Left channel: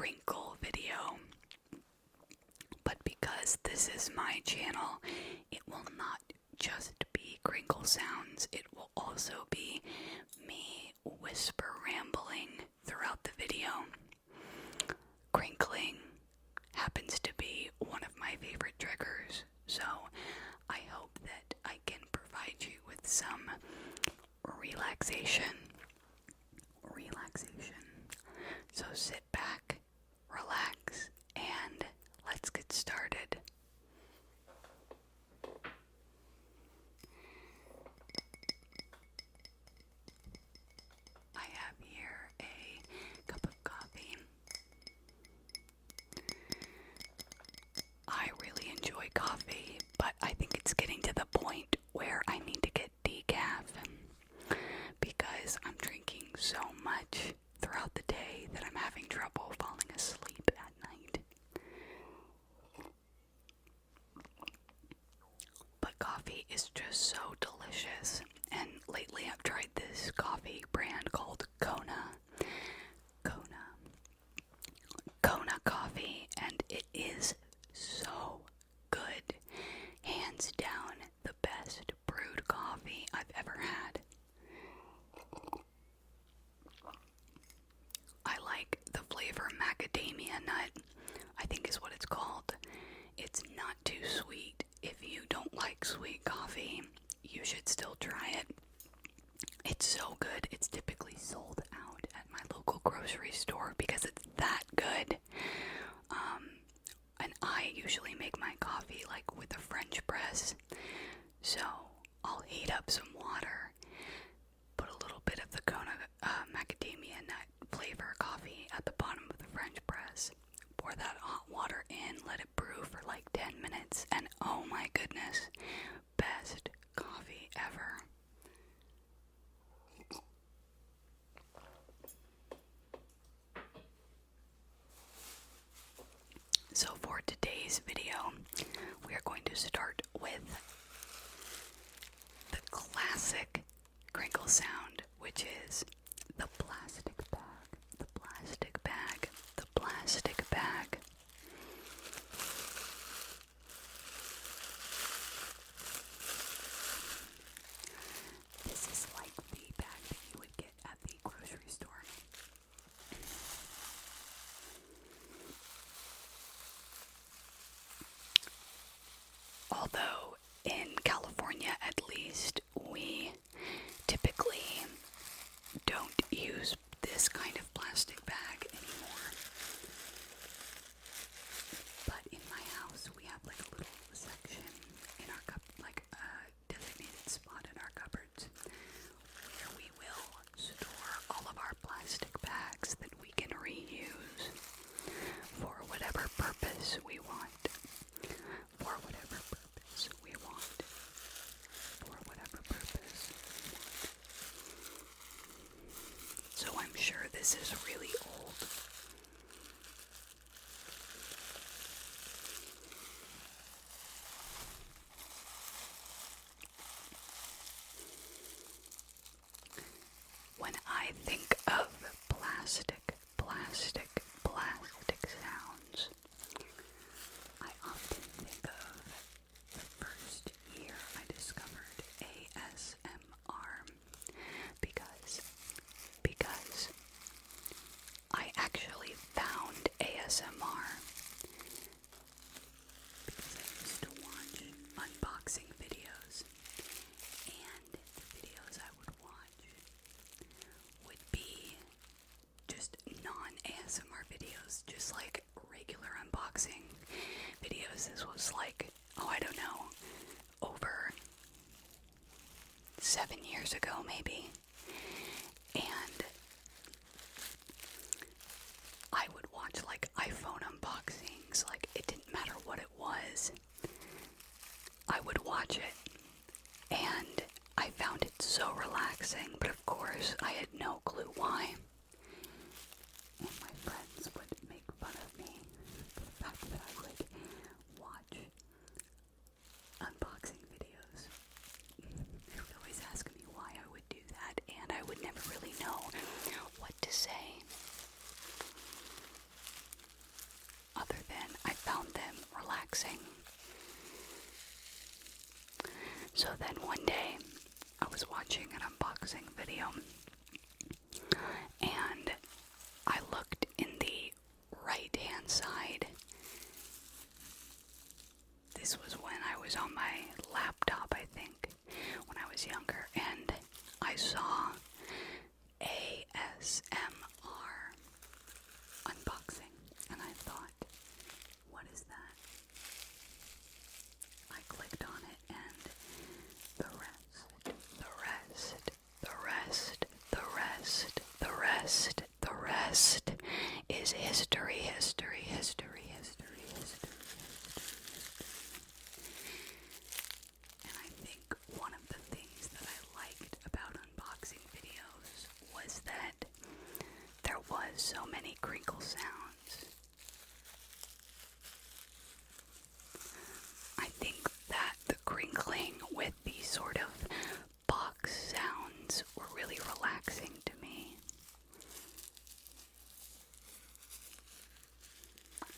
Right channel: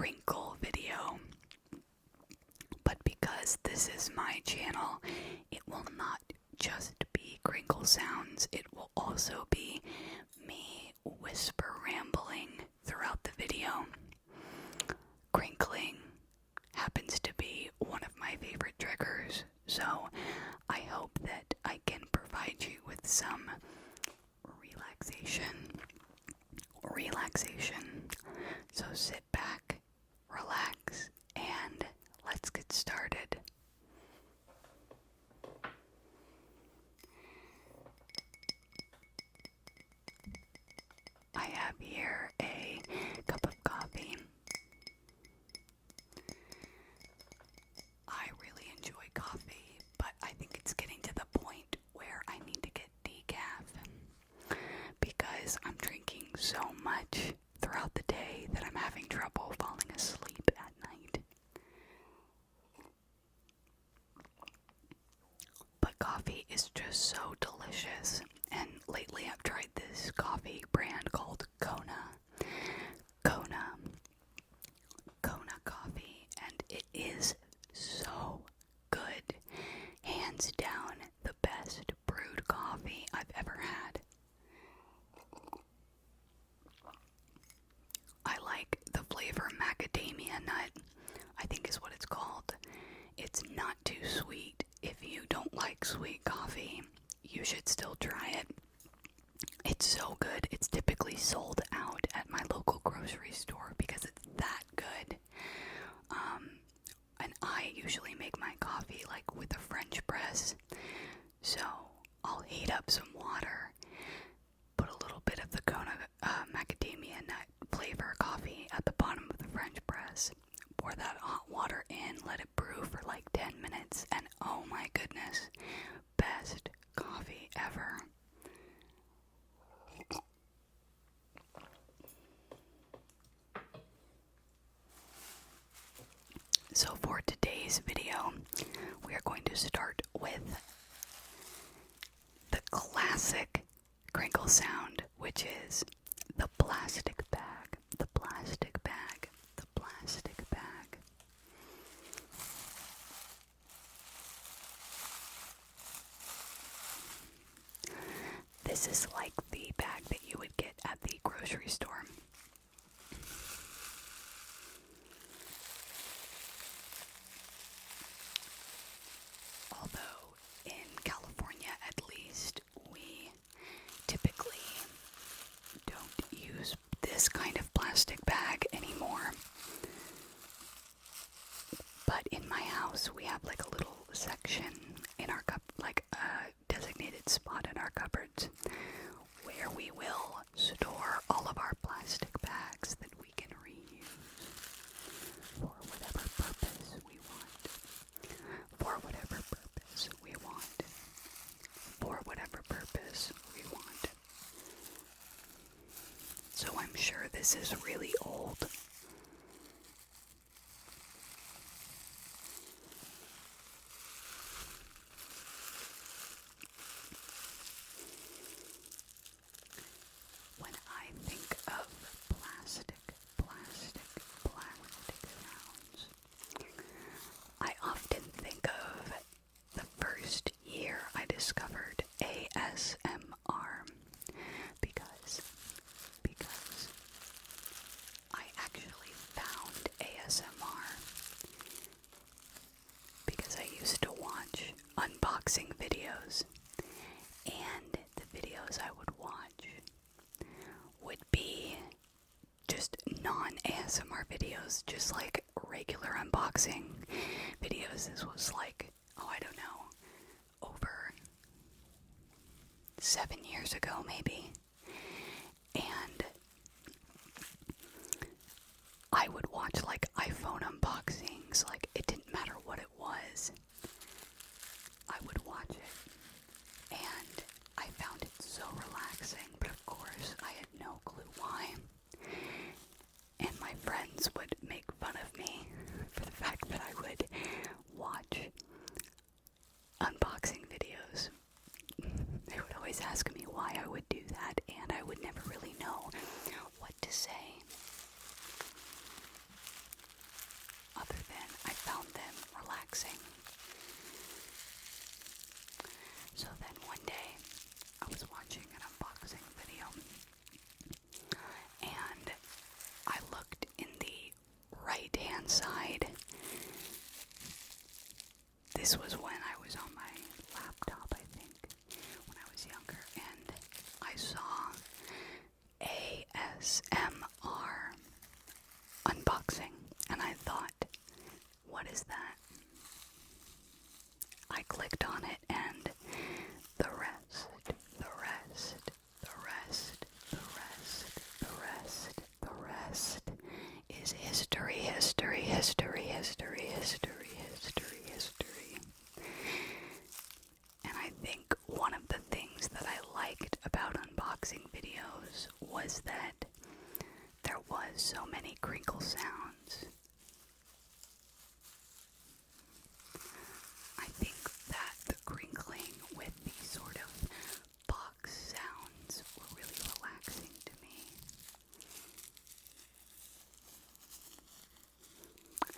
crinkle video. But because this is my channel, it will not just be crinkle sounds, it will also be me whisper rambling throughout the video. Crinkling happens to be one of my favorite triggers, so I hope that I can provide you with some relaxation. So sit back, relax, and let's get started. I have here a cup of coffee. I really enjoy coffee, but I think it's getting to the point where I need to get decaf because I'm drinking so much throughout the day that I'm having trouble falling asleep at night. But coffee is just so delicious, and lately I've tried this coffee brand called Kona coffee, and it is so good. Hands down, the best brewed coffee I've ever had. I like the flavor macadamia nut, I think is what it's called. It's not too sweet. If you don't like sweet coffee, you should still try it. It's so good. It's typically sold out at my local grocery store because it's that good. And I usually make my coffee like with a French press. So I'll heat up some water, put a little bit of the Kona macadamia nut flavor coffee at the bottom of the French press, pour that hot water in, let it brew for like 10 minutes, and oh my goodness, best coffee ever. So for today's video, we are going to start with the classic crinkle sound, which is the plastic bag, the plastic bag, the plastic bag. This is like the bag that you would get at the grocery store. Although in California, at least, we typically don't use this kind of plastic bag anymore. But in my house, we have like a little section in our like a designated spot in our cupboards where we will store all of our plastic bags that we can reuse for whatever purpose we want. For whatever purpose we want. For whatever purpose we want. So I'm sure this is really old. When I think of plastic sounds, I often think of the first year I discovered ASMR because I actually found ASMR because I used to watch unboxing videos, and the videos I would watch would be just non-ASMR videos, just like regular unboxing videos. This was like, I don't know, over 7 years ago maybe. And I would watch like iPhone unboxings, like it didn't matter what it was. I would watch it, and I found it so relaxing, but of course I had no clue why. And my friends would make fun of me for the fact that I would watch unboxing videos. They would always ask me why I would do that, and I would never really know what to say. So then one day, I was watching an unboxing video, and I looked in the right-hand side. This was when I was on my laptop, I think, when I was younger, and I saw ASMR unboxing, and I thought, what is that? I clicked on it, and the rest is history. And I think one of the things that I liked about unboxing videos was that there was so many crinkle sounds. I think that the crinkling with these sort of box sounds were really relaxing to me.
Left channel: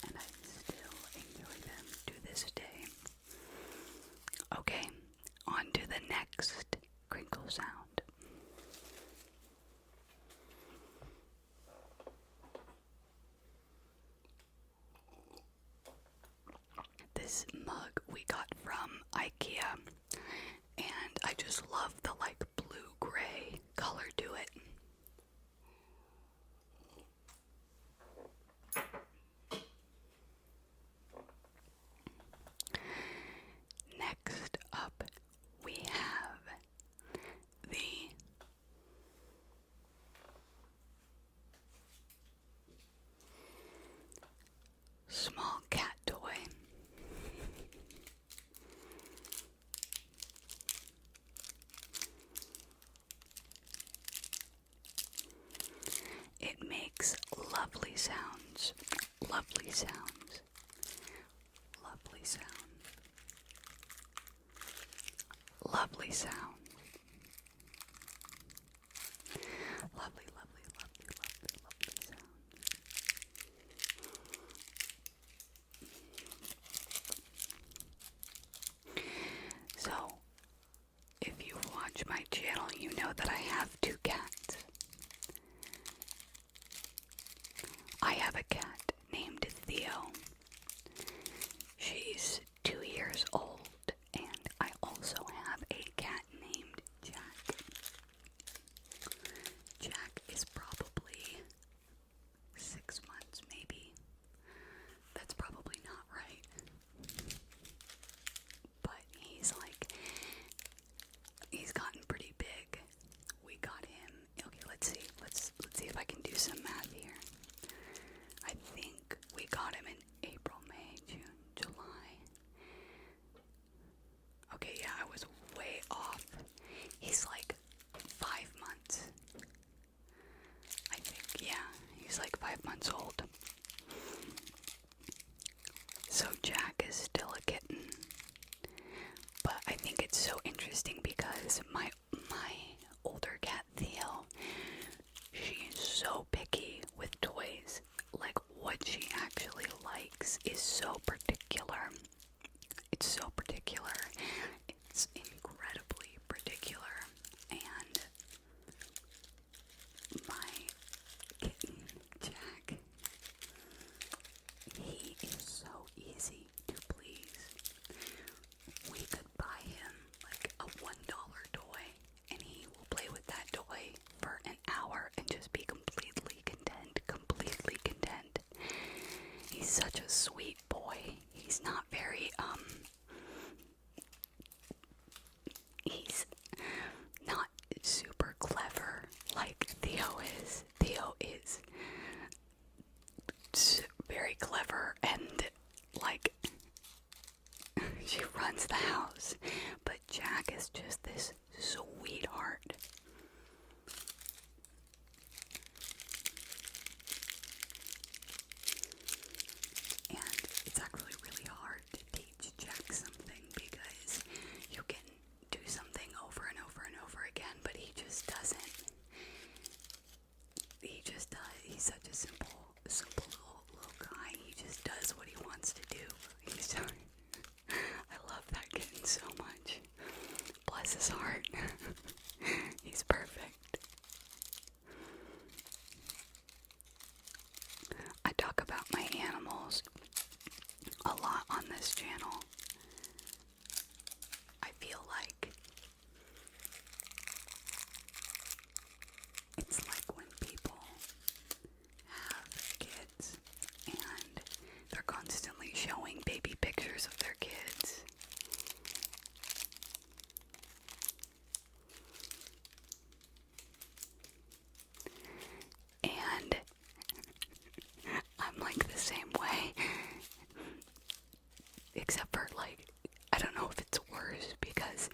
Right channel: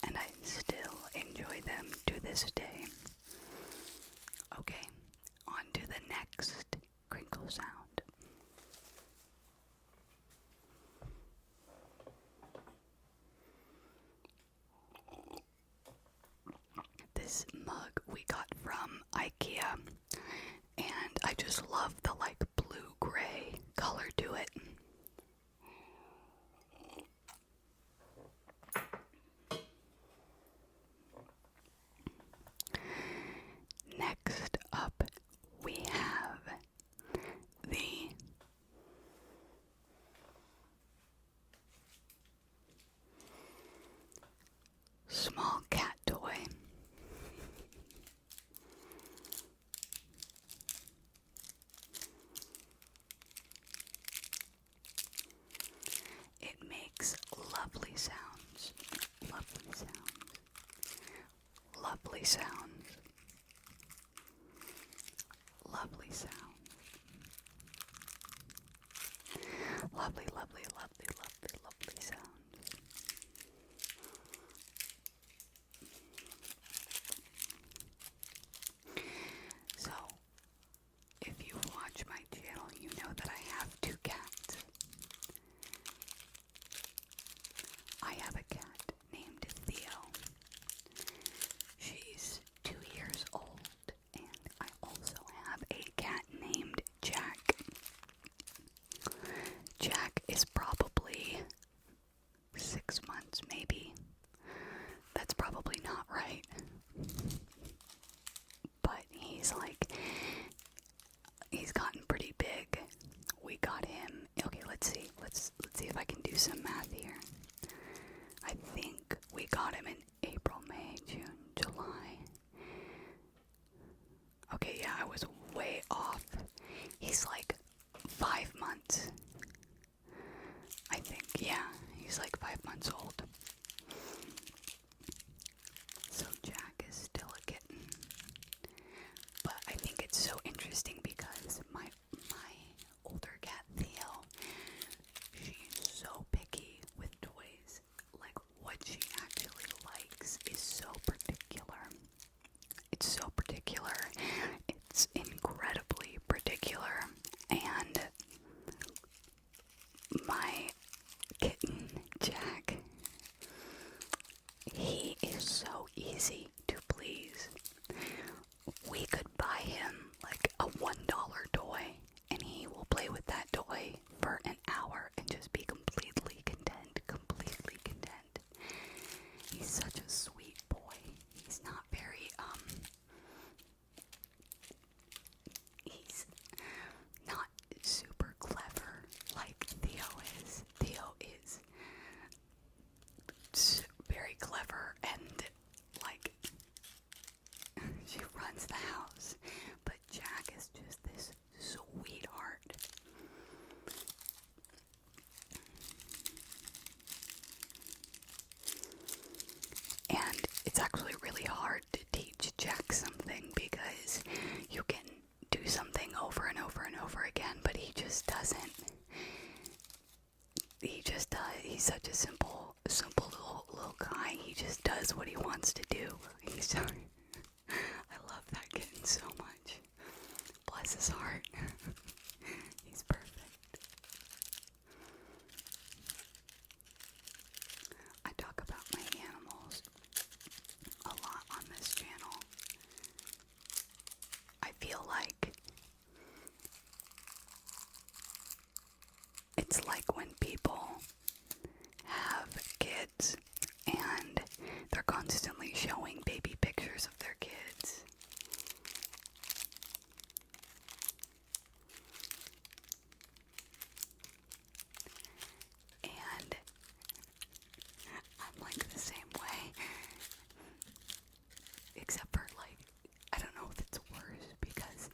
And I still enjoy them to this day. Okay, on to the next crinkle sound. This mug we got from Ikea, and I just love the blue-gray color to it. Next up, we have the small cat toy. It makes lovely sounds, lovely sounds, lovely sounds, lovely sounds. Lovely, lovely, lovely, lovely, lovely sounds. So, if you watch my channel, you know that I have 2 cats. I have a cat named Theo. She's 2 years old, and I also have a cat named Jack. Jack is probably 6 months, maybe. That's probably not right. But he's gotten pretty big. We got him. Okay, let's see. Let's see if I can do some math here. I think we got him in April, May, June, July. Okay, yeah, I was way off. He's 5 months. I think, yeah, he's 5 months old. So Jack is still a kitten. But I think it's so interesting because my older cat Theo, she is so picky with toys. What she actually likes is so particular. It's so particular. It's incredibly particular. And my kitten, Jack, he is so easy to please. We could buy him a $1 toy, and he will play with that toy for an hour and just be completely content, completely content. He's such a sweet boy. He's not very, he's not super clever like Theo is. Theo is very clever and she runs the house. But Jack is just this sweetheart. And it's actually really hard to teach Jack something because you can do something over and over and over again, but he just doesn't. He just does. He's such a simple little guy. He just does what he wants to do. I love that kitten so much. feel like it's like when people have kids and they're constantly showing baby pictures of their kids. And I'm like the same way. Except for, like, I don't know if it's worse because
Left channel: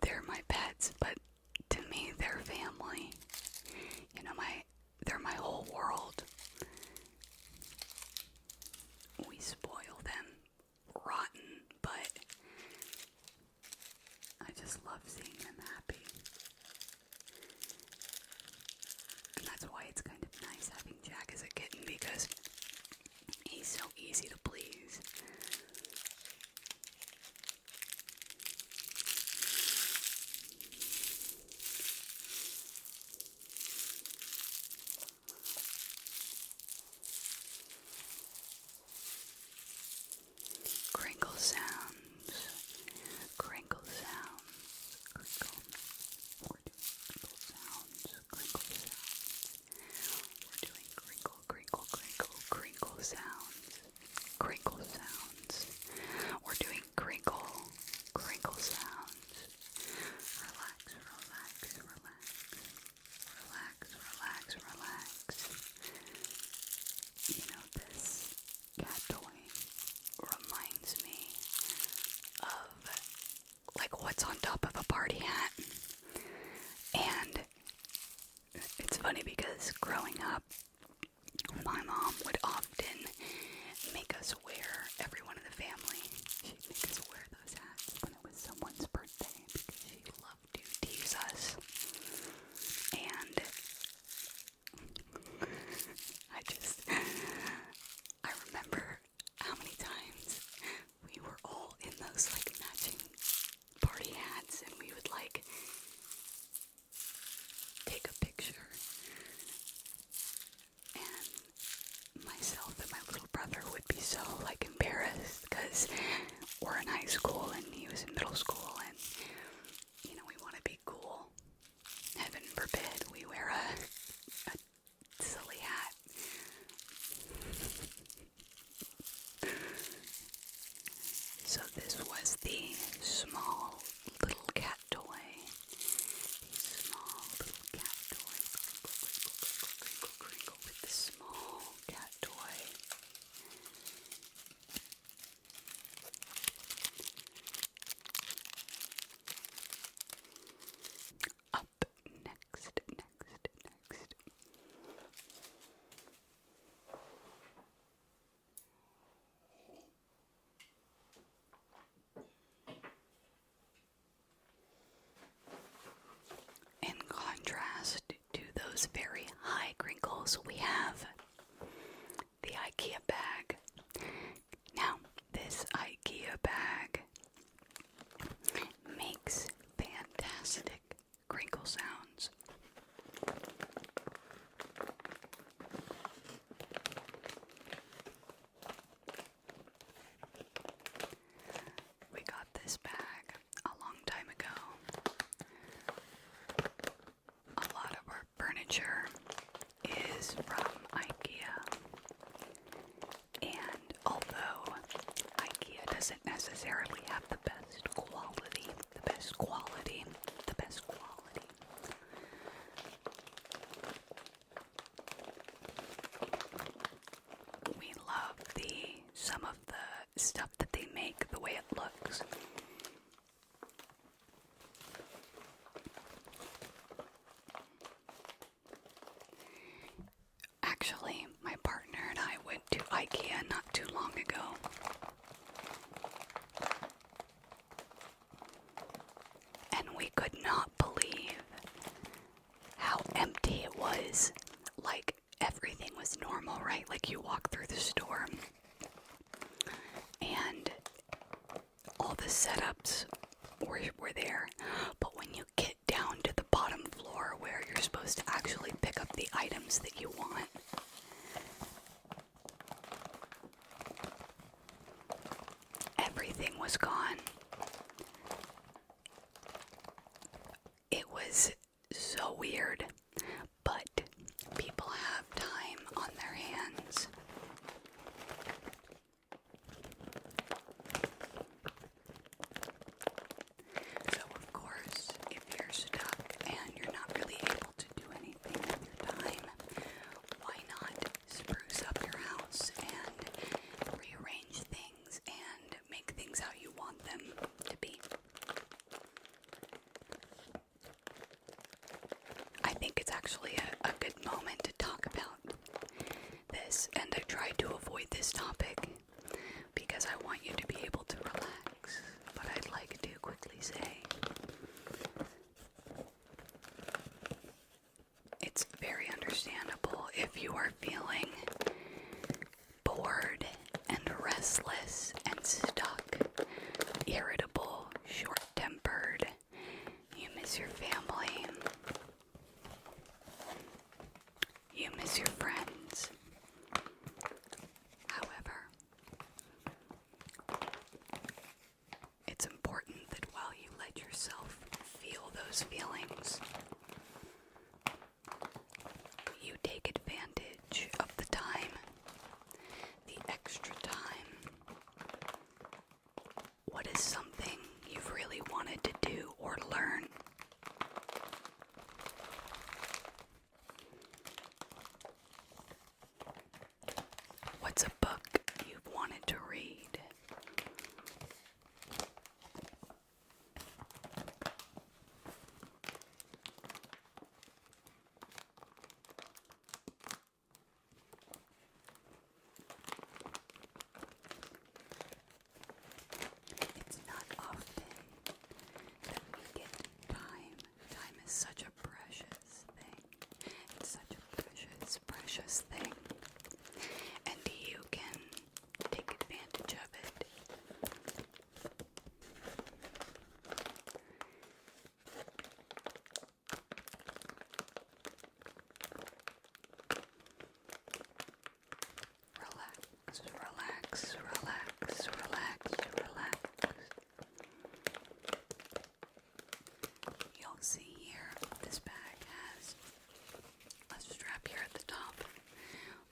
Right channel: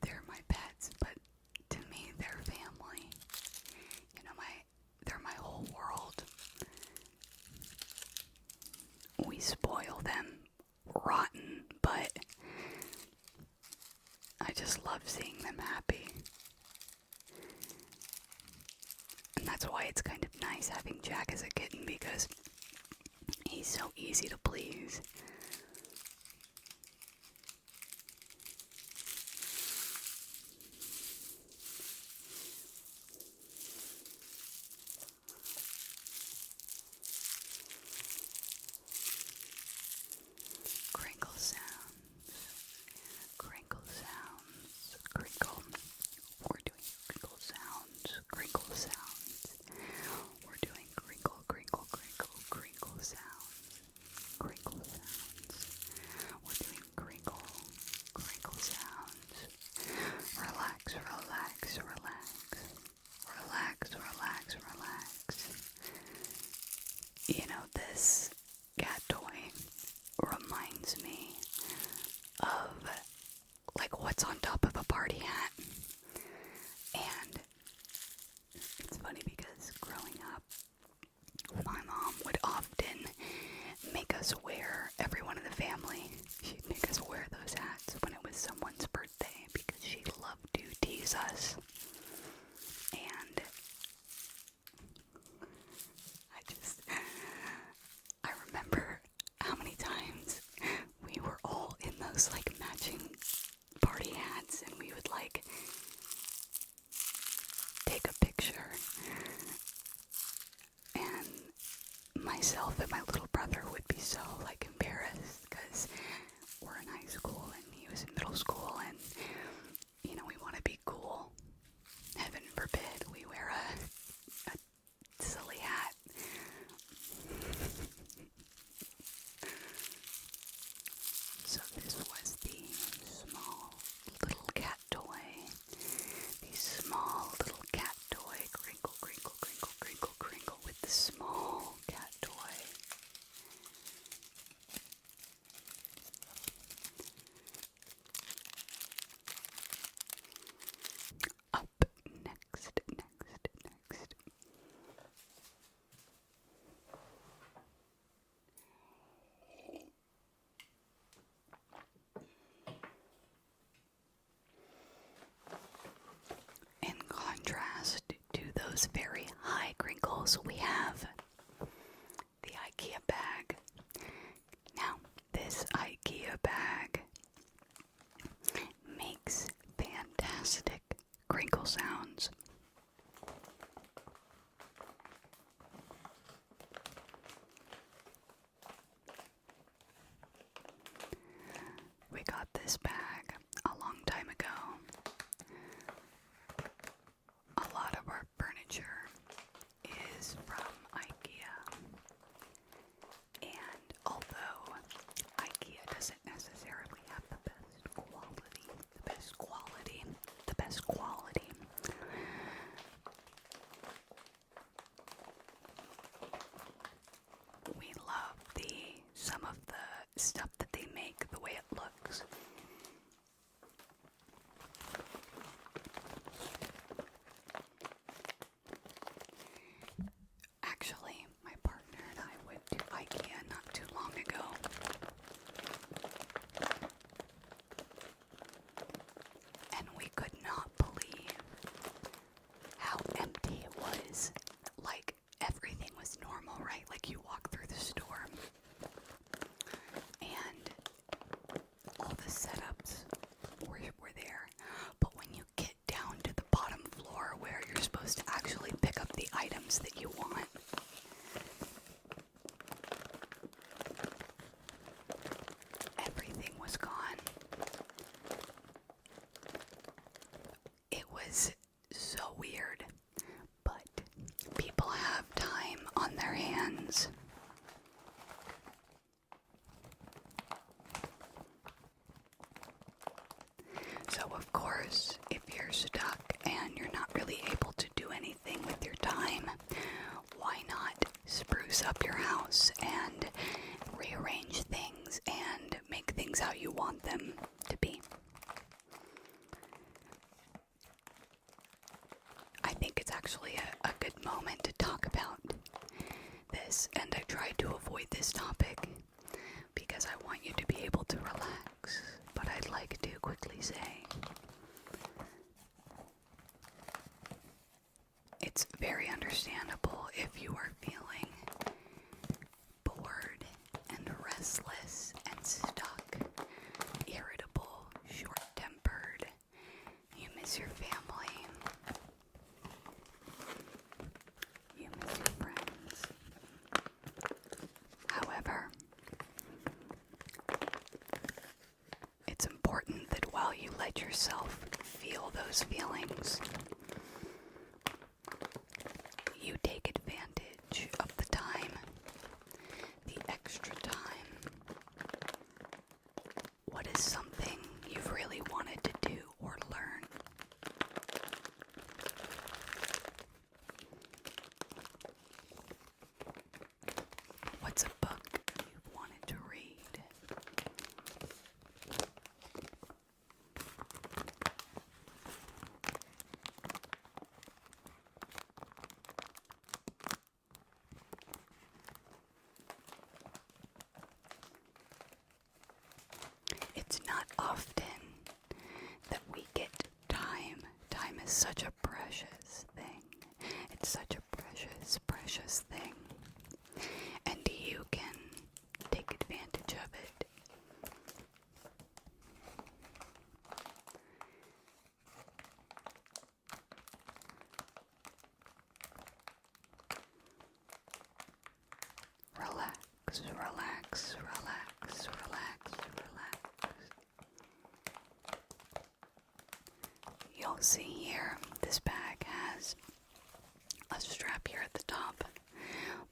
they're my pets, but to me they're family. You know, they're my whole world. We spoil them rotten, but I just love seeing them happy. And that's why it's kind of nice having Jack as a kitten, because he's so easy to please. Crinkle sounds. Crinkle sounds. Crinkle. We're doing crinkle sounds. Crinkle sounds. We're doing crinkle, crinkle, crinkle, crinkle sounds. Crinkle sounds. We're doing crinkle, crinkle sounds. Relax, relax, relax. Relax, relax, relax. You know, this cat toy reminds me of, like, what's on top of a party hat. And it's funny because growing up, my mom would often make us wear, everyone in the family, she'd make us wear those hats when it was someone's birthday because she loved to tease us. And I remember how many times we were all in those, like, matching party hats, and we would, like, take a picture, and myself and my little brother would be so, like, embarrassed because we're in high school and he was in middle school, and, you know, we want to be cool. Heaven forbid we wear a silly hat. So this was the small little cat toy. The small little cat toy. Crinkle, crinkle, crinkle, crinkle, crinkle with the small cat toy. Up next. In contrast to those very high crinkles, we have the Ikea bag. Now, this Ikea bag makes fantastic crinkle sounds. We got this bag a long time ago. A lot of our furniture is from Ikea. And although Ikea doesn't necessarily have the best quality, we love some of the stuff that they make, the way it looks. Actually, my partner and I went to Ikea not too long ago. And we could not believe how empty it was. Like, everything was normal, right? Like, you walk through the store and all the setups were there. But when you get down to the bottom floor where you're supposed to actually pick up the items that you want, everything was gone. them to be. I think it's actually a good moment to talk about this, and I tried to avoid this topic because I want you to be able to relax, but I'd like to quickly say it's very understandable if you are feeling bored and restless and stuck, irritable, short-tempered, you miss your family, you miss your friends. However, it's important that while you let yourself feel those feelings, you take advantage of the time, the extra time. What is something you've really wanted to do or learn? What's a book you've wanted to read? It's not often that we get time. Time is such a precious thing. It's such a precious, precious thing. And you can take advantage of it. Relax, relax, relax, relax, relax. You'll see here, this bag has a strap here at the top,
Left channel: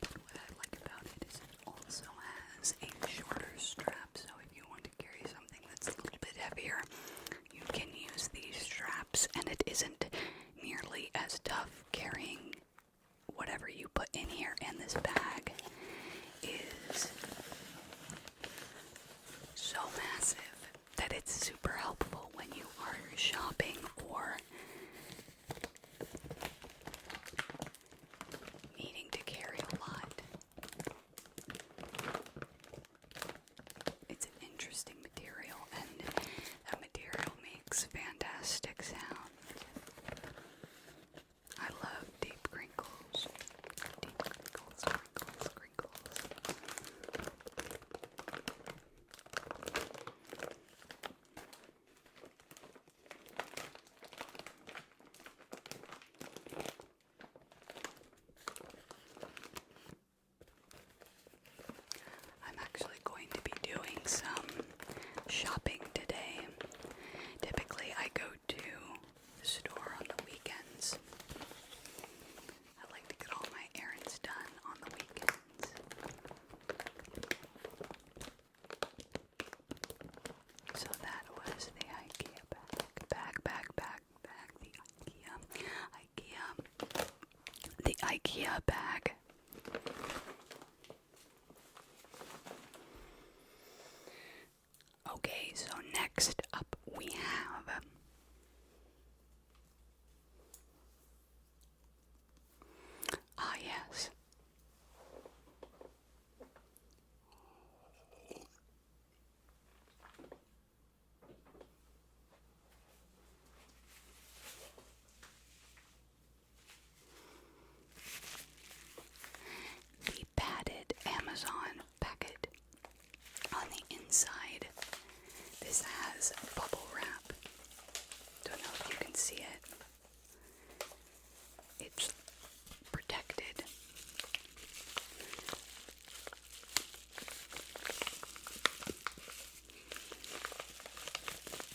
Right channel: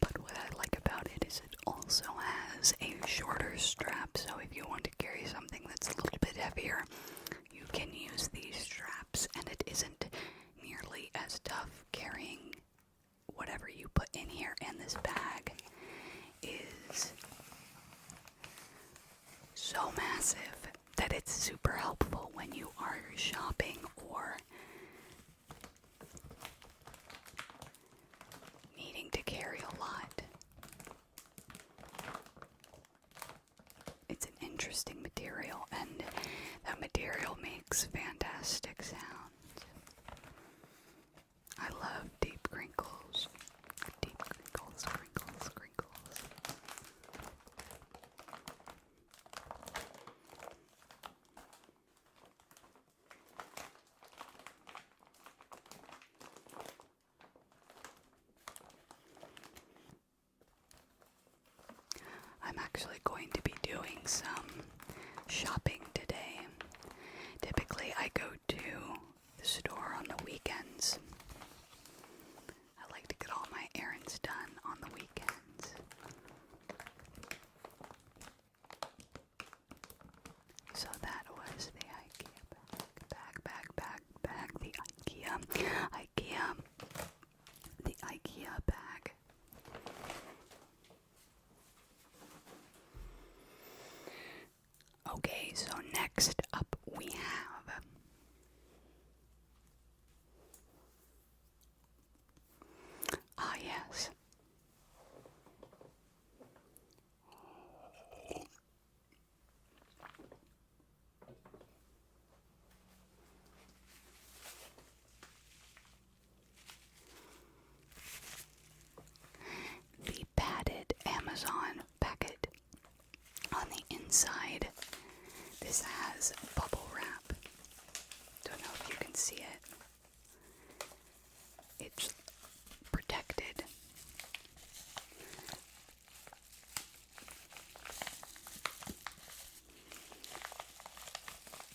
but what I like about it is it also has a shorter strap, so if you want to carry something that's a little bit heavier, you can use these straps, and it isn't nearly as tough carrying whatever you put in here, and this bag is so massive that it's super helpful when you are shopping or needing to carry a lot. It's an interesting material, and that material makes fantastic sounds. I love deep crinkles. Deep crinkles, crinkles, crinkles. I'm actually going to be doing some shopping today. Typically, I go to the store on the weekends. I like to get all my errands done on the weekends. So that was the Ikea bag, the Ikea bag. Okay, so next up we have yes. The padded Amazon packet. On the inside, this has bubble wrap. Don't know if you can see it. It's protected.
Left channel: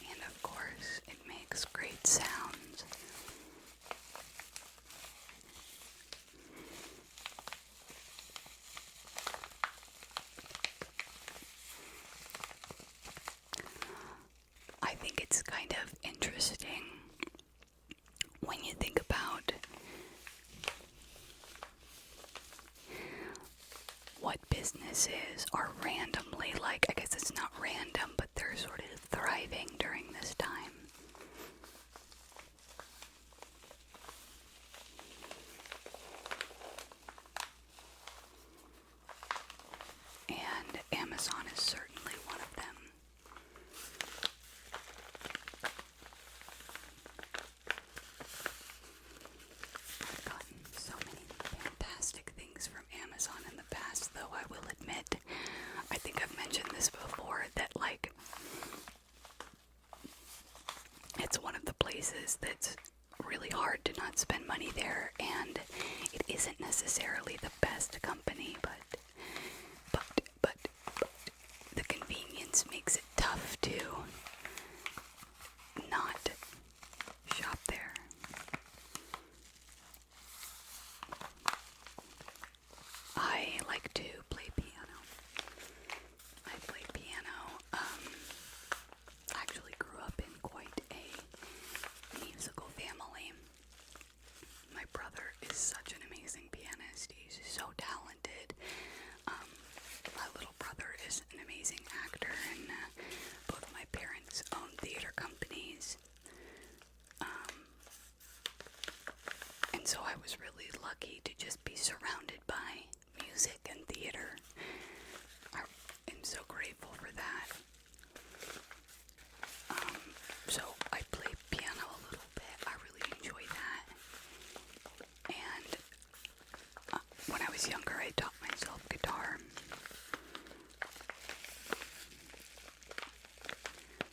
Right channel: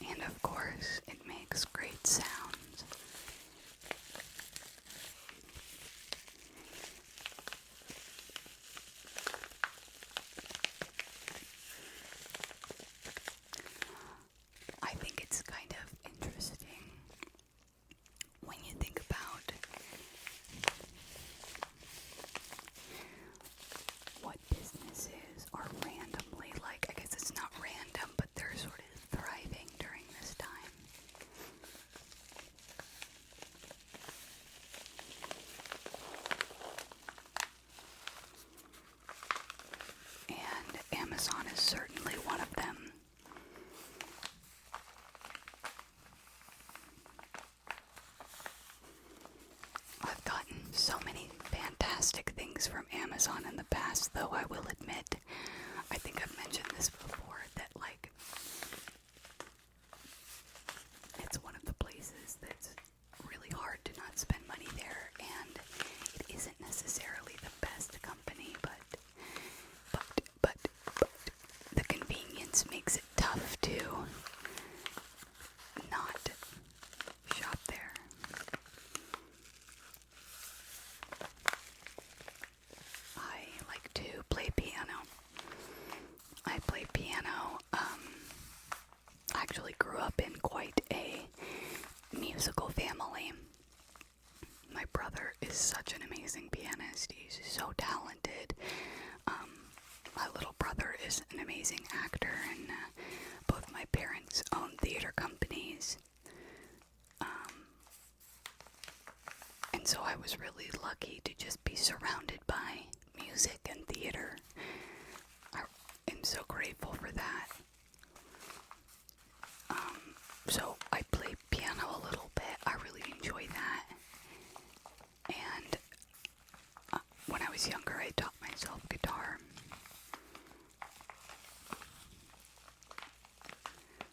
And of course, it makes great sounds. I think it's kind of interesting when you think about what businesses are randomly, like, I guess it's not random, but they're sort of Amazon in the past, though I will admit, I think I've mentioned this before, that like it's one of the places that's really hard to not spend money there, and it isn't necessarily the best company, but the convenience makes it tough to not shop there. I like to play piano. I play piano. I actually grew up in quite a musical family. My brother is such an amazing pianist. He's so talented. My little brother is an amazing actor, and both my parents own theater companies. And so I was really lucky to just be surrounded by music and theater. I am so grateful for that. So I play piano a little bit. I really enjoy that. And when I was younger, I taught myself guitar.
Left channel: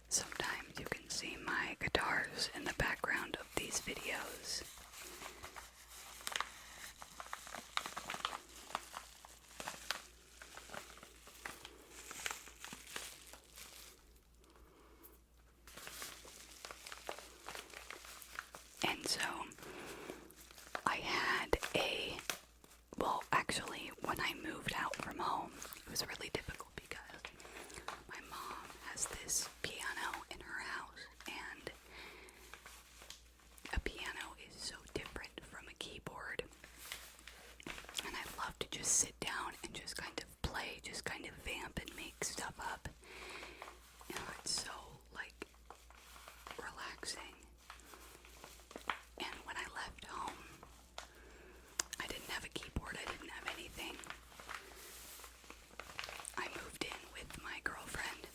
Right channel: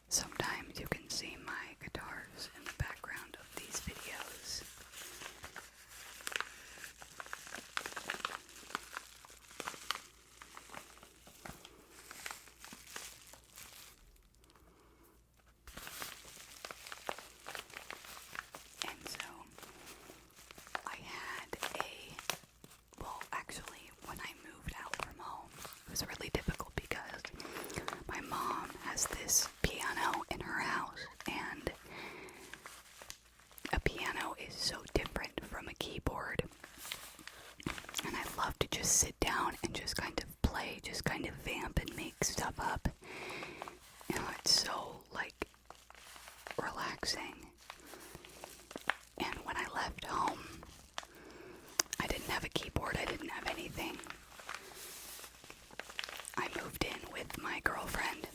Sometimes you can see my guitars in the background of these videos. And so I had actually, when I moved out from home, it was really difficult because my mom has this piano in her house, and a piano is so different from a keyboard. And I love to just sit down and just kind of play, just kind of vamp and make stuff up. You know, it's so, like, relaxing. And when I left home, I didn't have a keyboard, I didn't have anything. I moved in with my girlfriend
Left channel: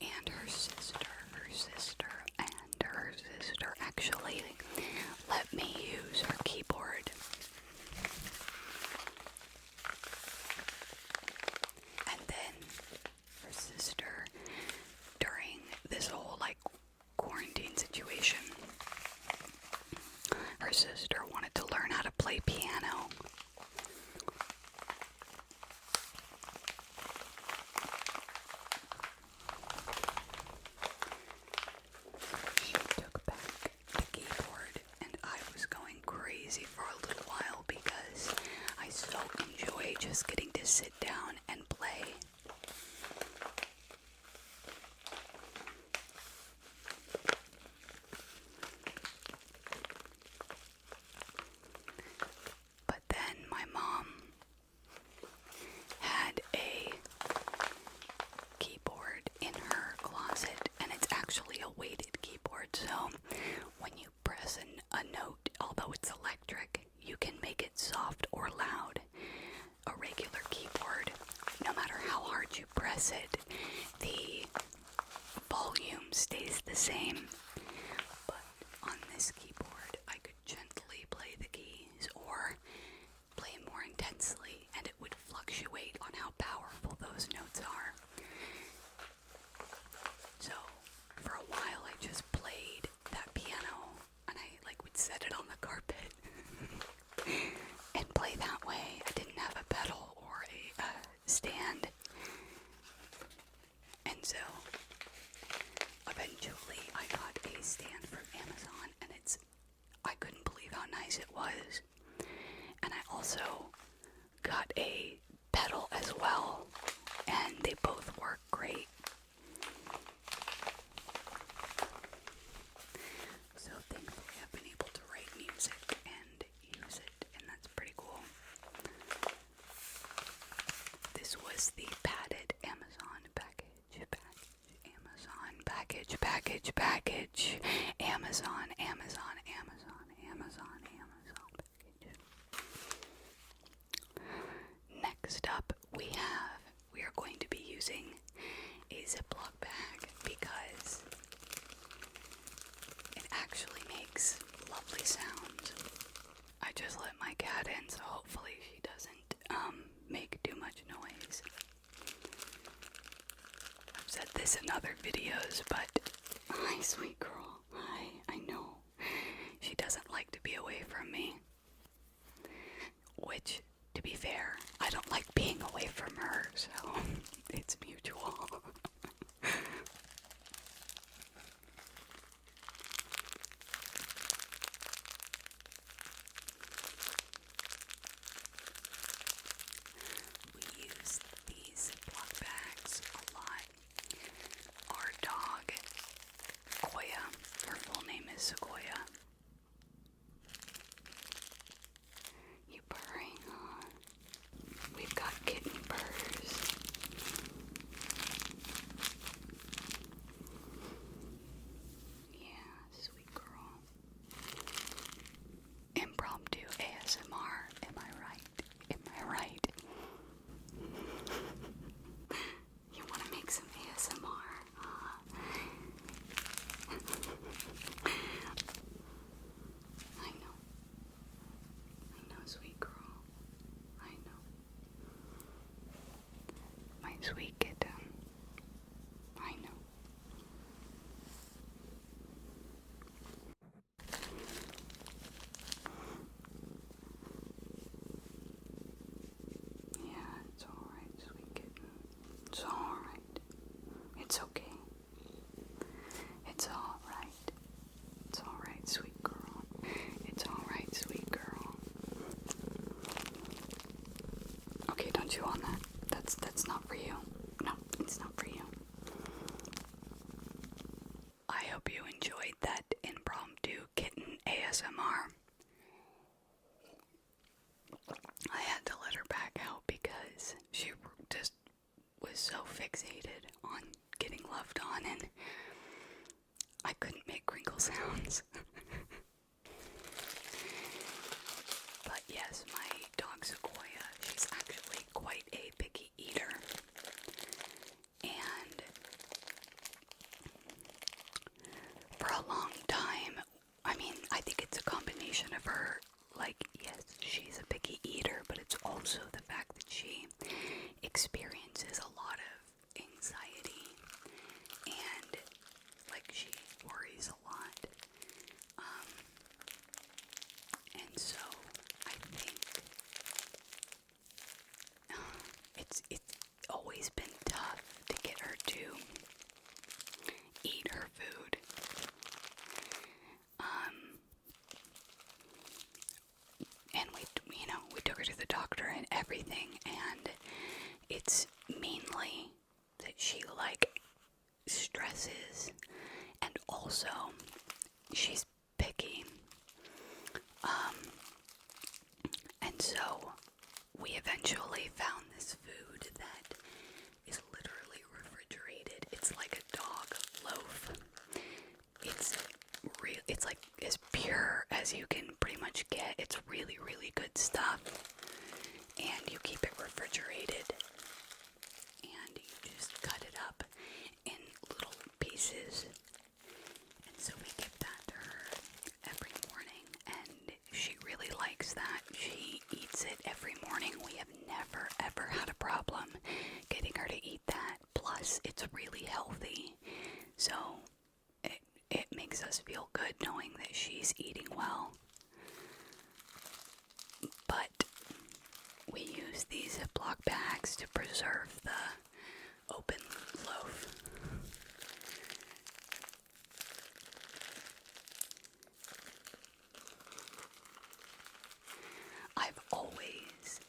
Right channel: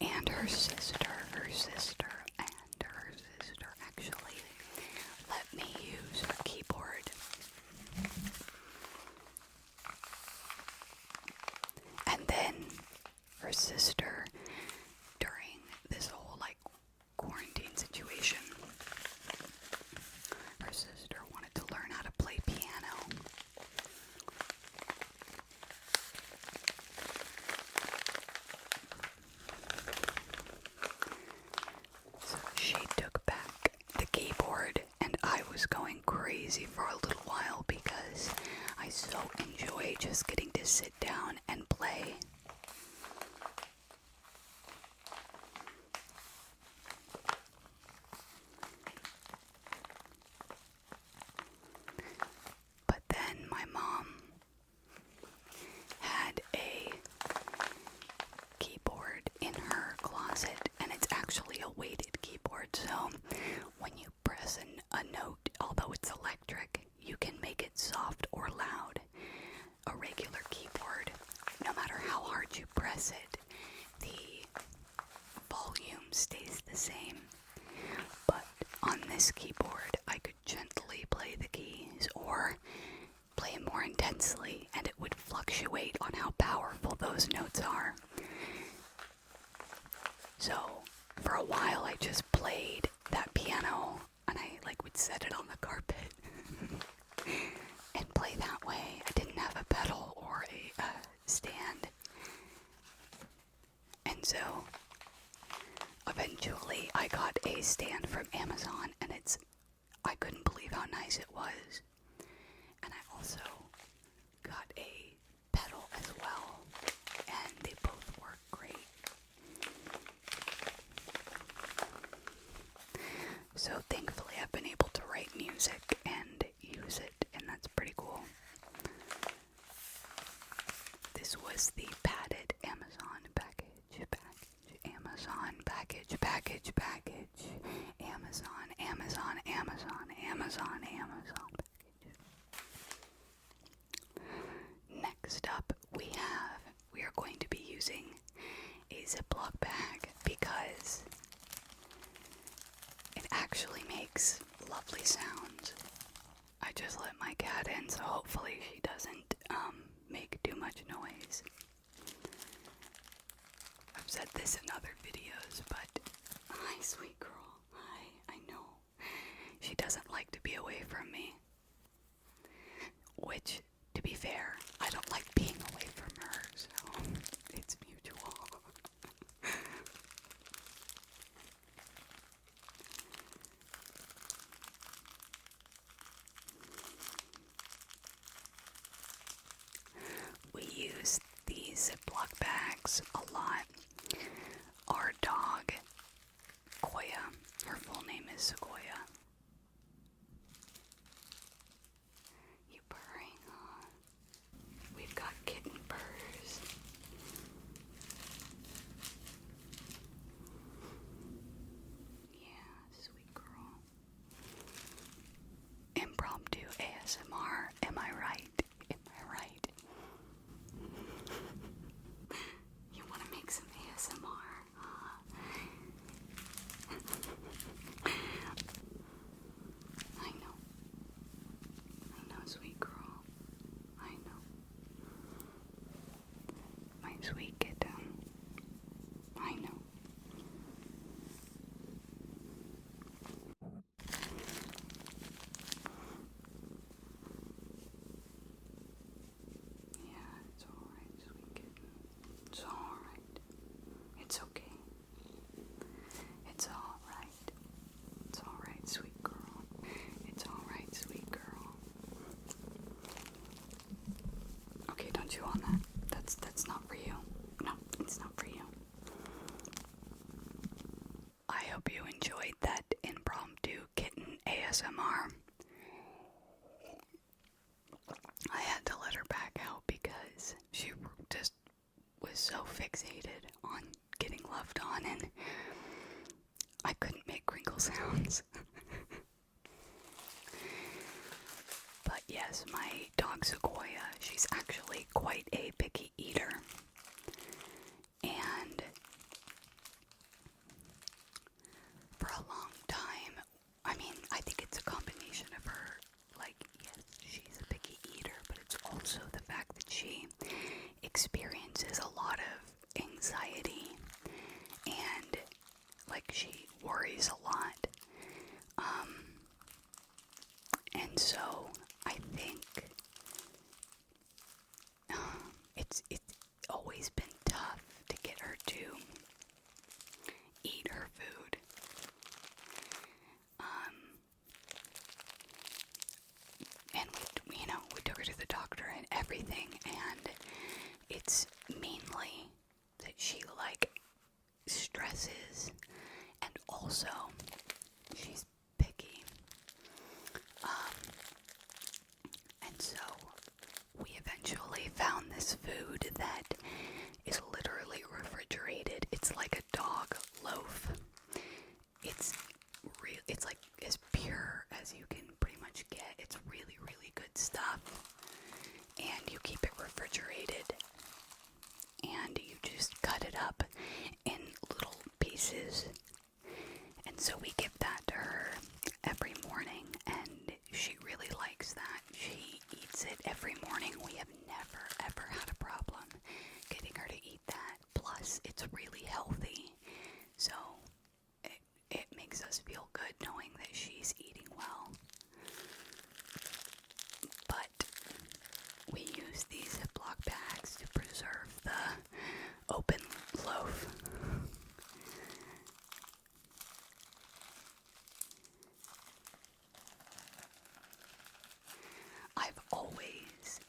and her sister actually let me use her keyboard. And then her sister, during this whole like quarantine situation, her sister wanted to learn how to play piano. So she took back the keyboard, and I was going crazy for a little while because I so enjoy just getting to sit down and play. But then my mom had a keyboard in her closet, and it's actually a weighted keyboard, so when you press a note, although it's electric, you can make it soft or loud. A regular keyboard, no matter how hard you press it, the volume stays the same. But on this keyboard, I could gently play the keys or play more intensely, and it would fluctuate on how powerful those notes are. So for a while I just played that piano, and I would set it on the carpet and play that way. I didn't have a pedal or a stand. And so eventually I got a stand from Amazon, and I couldn't believe how nice it was. And I also got a pedal as well, and they both work great. So thankfully I've been able to write music and use it, and that's pretty cool. This was the padded Amazon package. Amazon package. Amazon package. Next up we are going to be using a ziploc bag because it actually makes lovely sounds. I just let my cat in, so hopefully she doesn't make too much noise. I've said this in other videos, but hi, sweet girl. Hi, I know. She doesn't like to be away from me. Which, to be fair, I don't like being away from her, so it's mutual. We use these ziploc bags a lot. Our dog, Koya, her full name is Sequoia. You purring, huh? We've got kitten purrs. Yeah, sweet girl. Impromptu ASMR, am I right? Am I right? You want to make some ASMR, huh? I know. I know, sweet girl. I know. My sweet kitten. I know. Yeah, it's alright, sweet kitten. It's alright. It's okay. It's alright. It's alright, sweet girl. It's alright, sweet girl. Okay, don't chew on that. That's not for you. No, it's not for you. I hope you enjoyed that impromptu kitten ASMR. I had to let her back out because she just was so fixated on getting loved on, and I couldn't make crinkle sounds. But yes, my dog Sequoia, she's actually quite a picky eater. And for a long time, I mean, I think it's a combination of her, like, yes, she's a picky eater, but it's also the fact that she experiences a lot of anxiety and, like, she worries a lot. And so I think it's always been tough to get her to eat her food. And we took her to the doctor and everything, and it's mainly that she, like, stresses, and also she's picky. And so we eventually found this food that is literally refrigerated. It's like a dog loaf. It's like as pure as you can pretty much get. It's really, really good stuff. And you keep it refrigerated. And you just cut it up in little pieces. And so we give that to her every morning, and she really likes that. She eats it every morning. We have never, ever had a problem getting her to eat that. Plus, it's really healthy. So it makes us feel good knowing that she's eating well. But we use these Ziploc bags to preserve the open loaf. I've always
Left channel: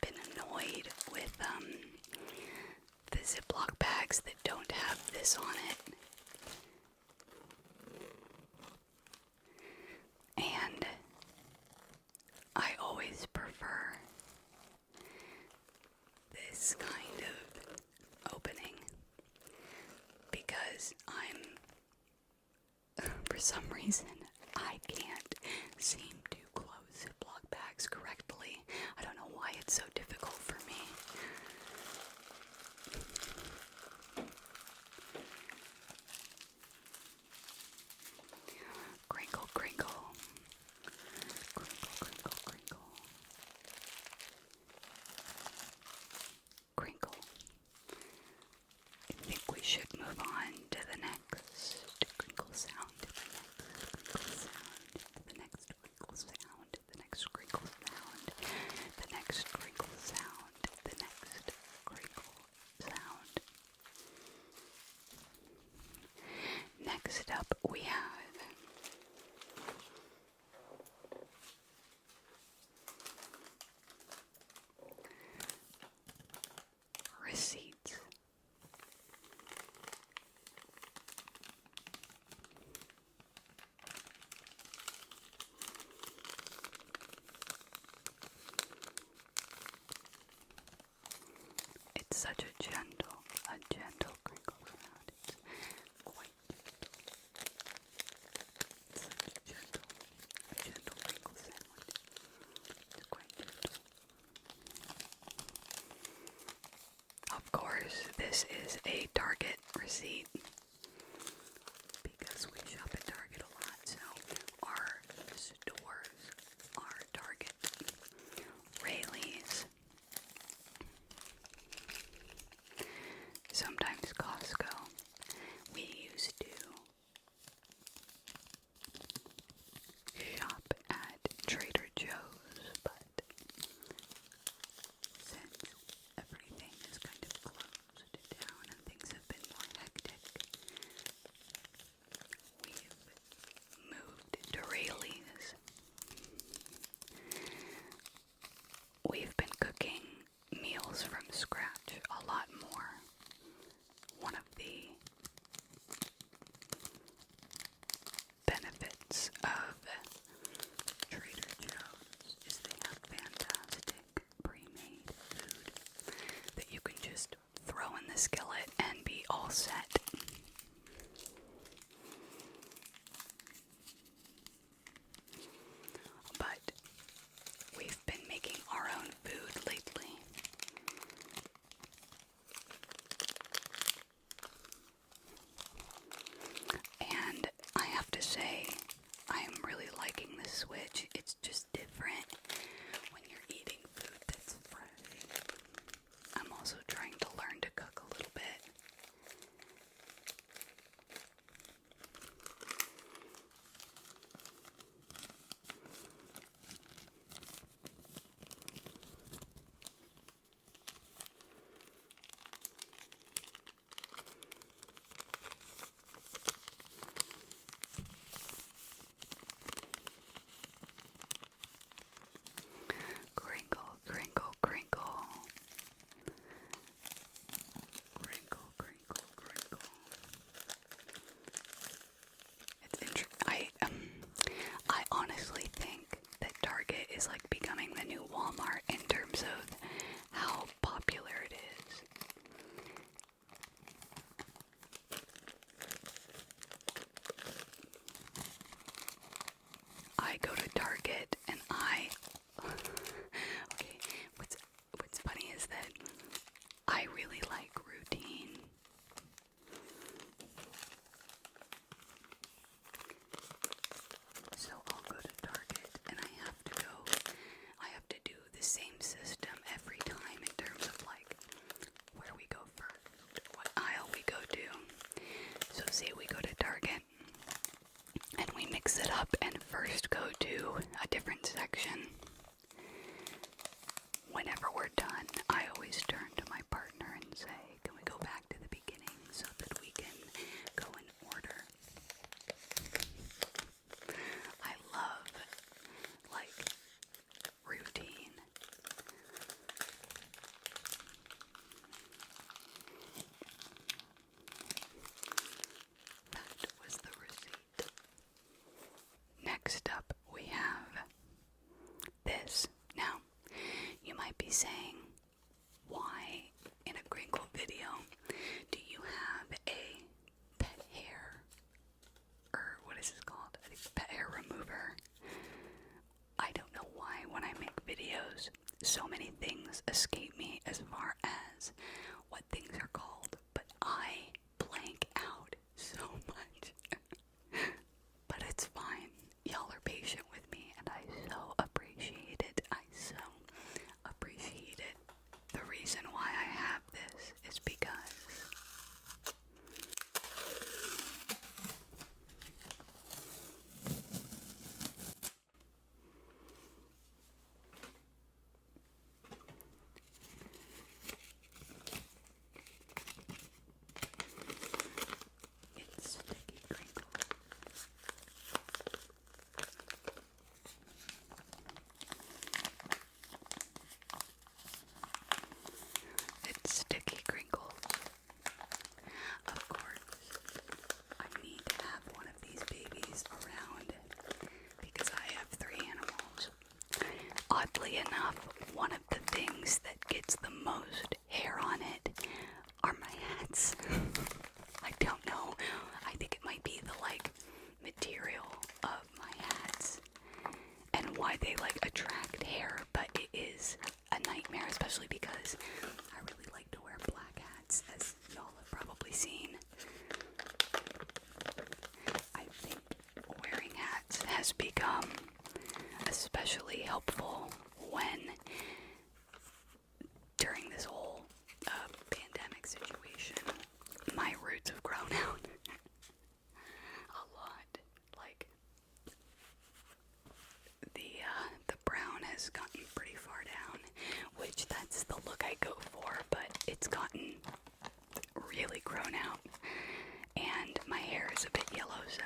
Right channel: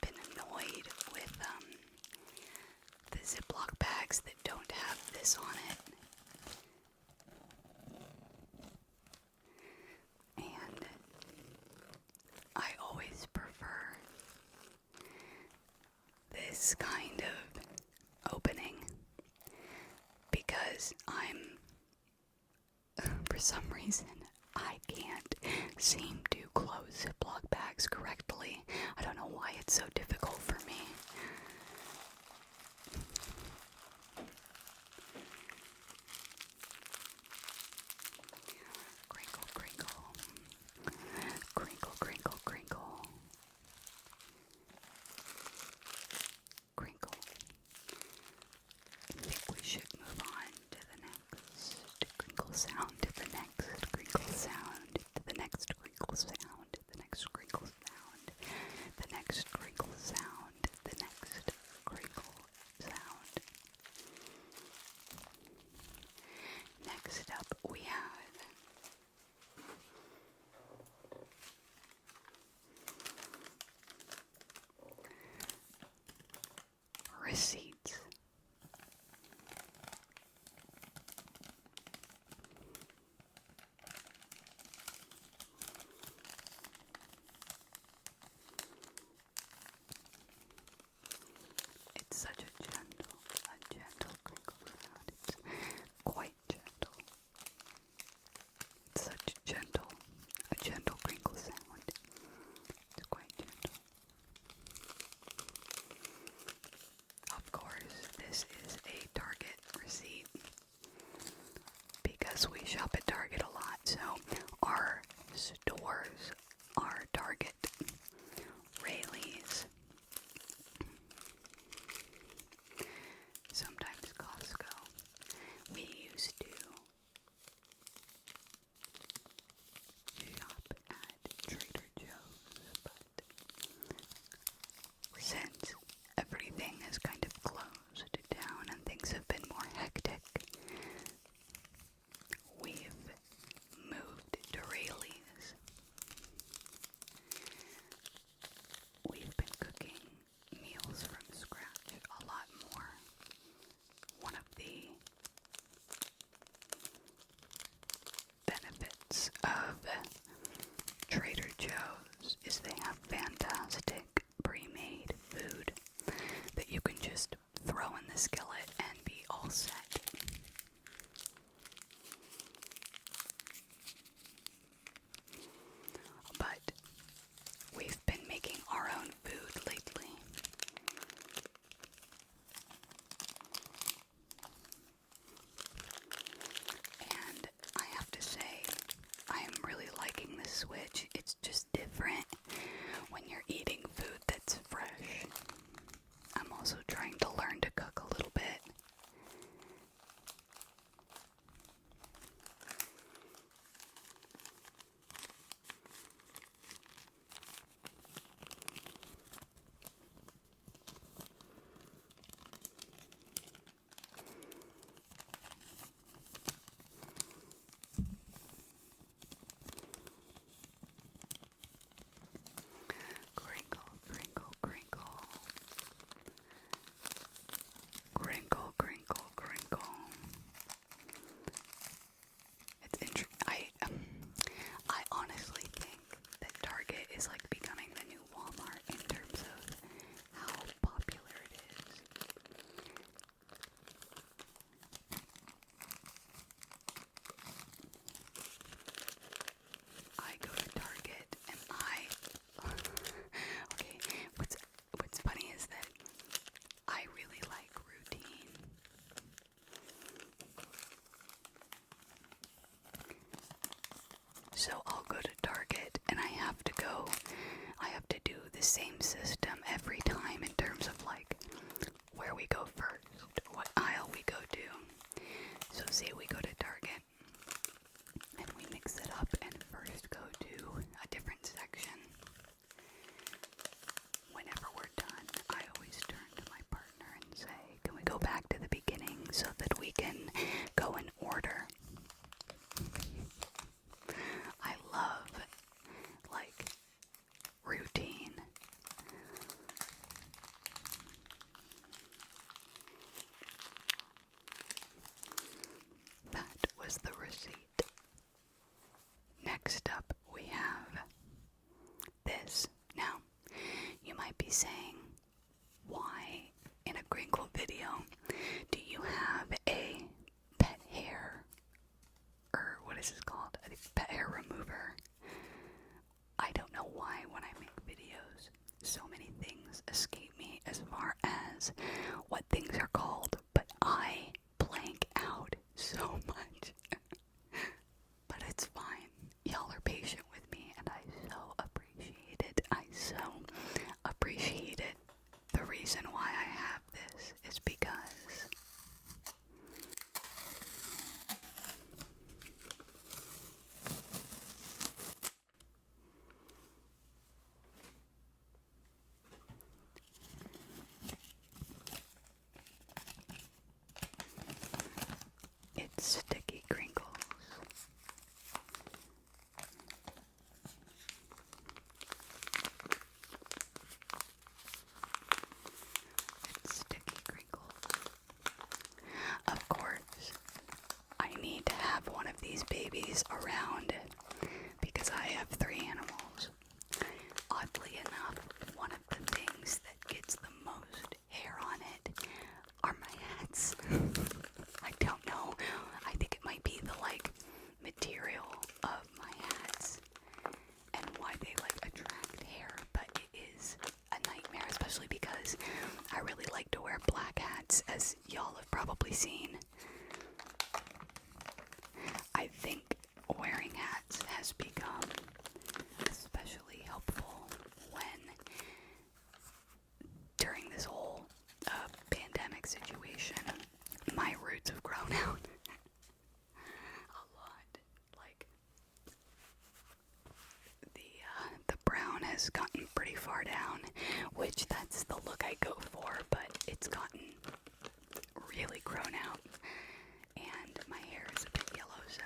been annoyed with the Ziploc bags that don't have this on it. And I always prefer this kind of opening because for some reason, I can't seem to close Ziploc bags correctly. I don't know why it's so difficult for me. Crinkle, crinkle. should move on to the next crinkle sound, to the next crinkle sound, to the next crinkle sound, the next crinkle sound, the next crinkle sound, the next crinkle sound. Next up we have receipts. It's such a gentle crinkle sound. It's quite gentle. It's such a gentle crinkle sound. It's quite gentle. Of course, this is a Target receipt because we shop at Target a lot, so our stores are Target, Rayleigh's, sometimes Costco. We used to shop at Trader Joe's, but since everything is kind of closed down and things have been more hectic, we've moved to Rayleigh's. We've been cooking meals from scratch a lot more. One of the benefits of Trader Joe's is they have fantastic pre-made food that you can just throw in the skillet and be all set. But we've been making our own food lately. And I have to say, I am really liking this switch. It's just different when you're eating food that's fresh. I'm also trying to learn to cook a little bit. Crinkle, crinkle, crinkle. Crinkle, crinkle, crinkle. It's interesting. I honestly think that Target is like becoming the new Walmart in terms of how popular it is. I go to Target and okay, what's funny is that I really like routine. So I'll go to Target and I have to do the same system every time in terms of like where we go first, what aisle we go to. So say we go to Target and we mix it up and first go to a different section. Whenever we're done, I always turn to my partner and say, can we go back to the beginning so that we can go in order? I love, like, routine. That was the receipt. Next up, we have this. Now, you might be saying, why in a Crinkle video do you have a pet hair, or what is this called? A pet hair remover. I don't know why when I make videos, so many things escape me as far as what things are called, but I blank out so much. But it's fine. Y'all are patient with me, and I so appreciate it. I so appreciate it. The reason why I have this is because this around because I have 3 animals. Oddly enough, one of the things that gets the most hair on it are my hats. I don't know. I think it might be the material of my hats and why they attract hair, but it is a nightmare, especially because I really like to wear black hats, as y'all have probably seen. I think wearing hats has become especially helpful when, during this whole pandemic situation, my roots have grown out a lot. The brown has gotten pretty far down, which that's the look I go for, but it's gotten really grown out, and my hair is a bit yellow, so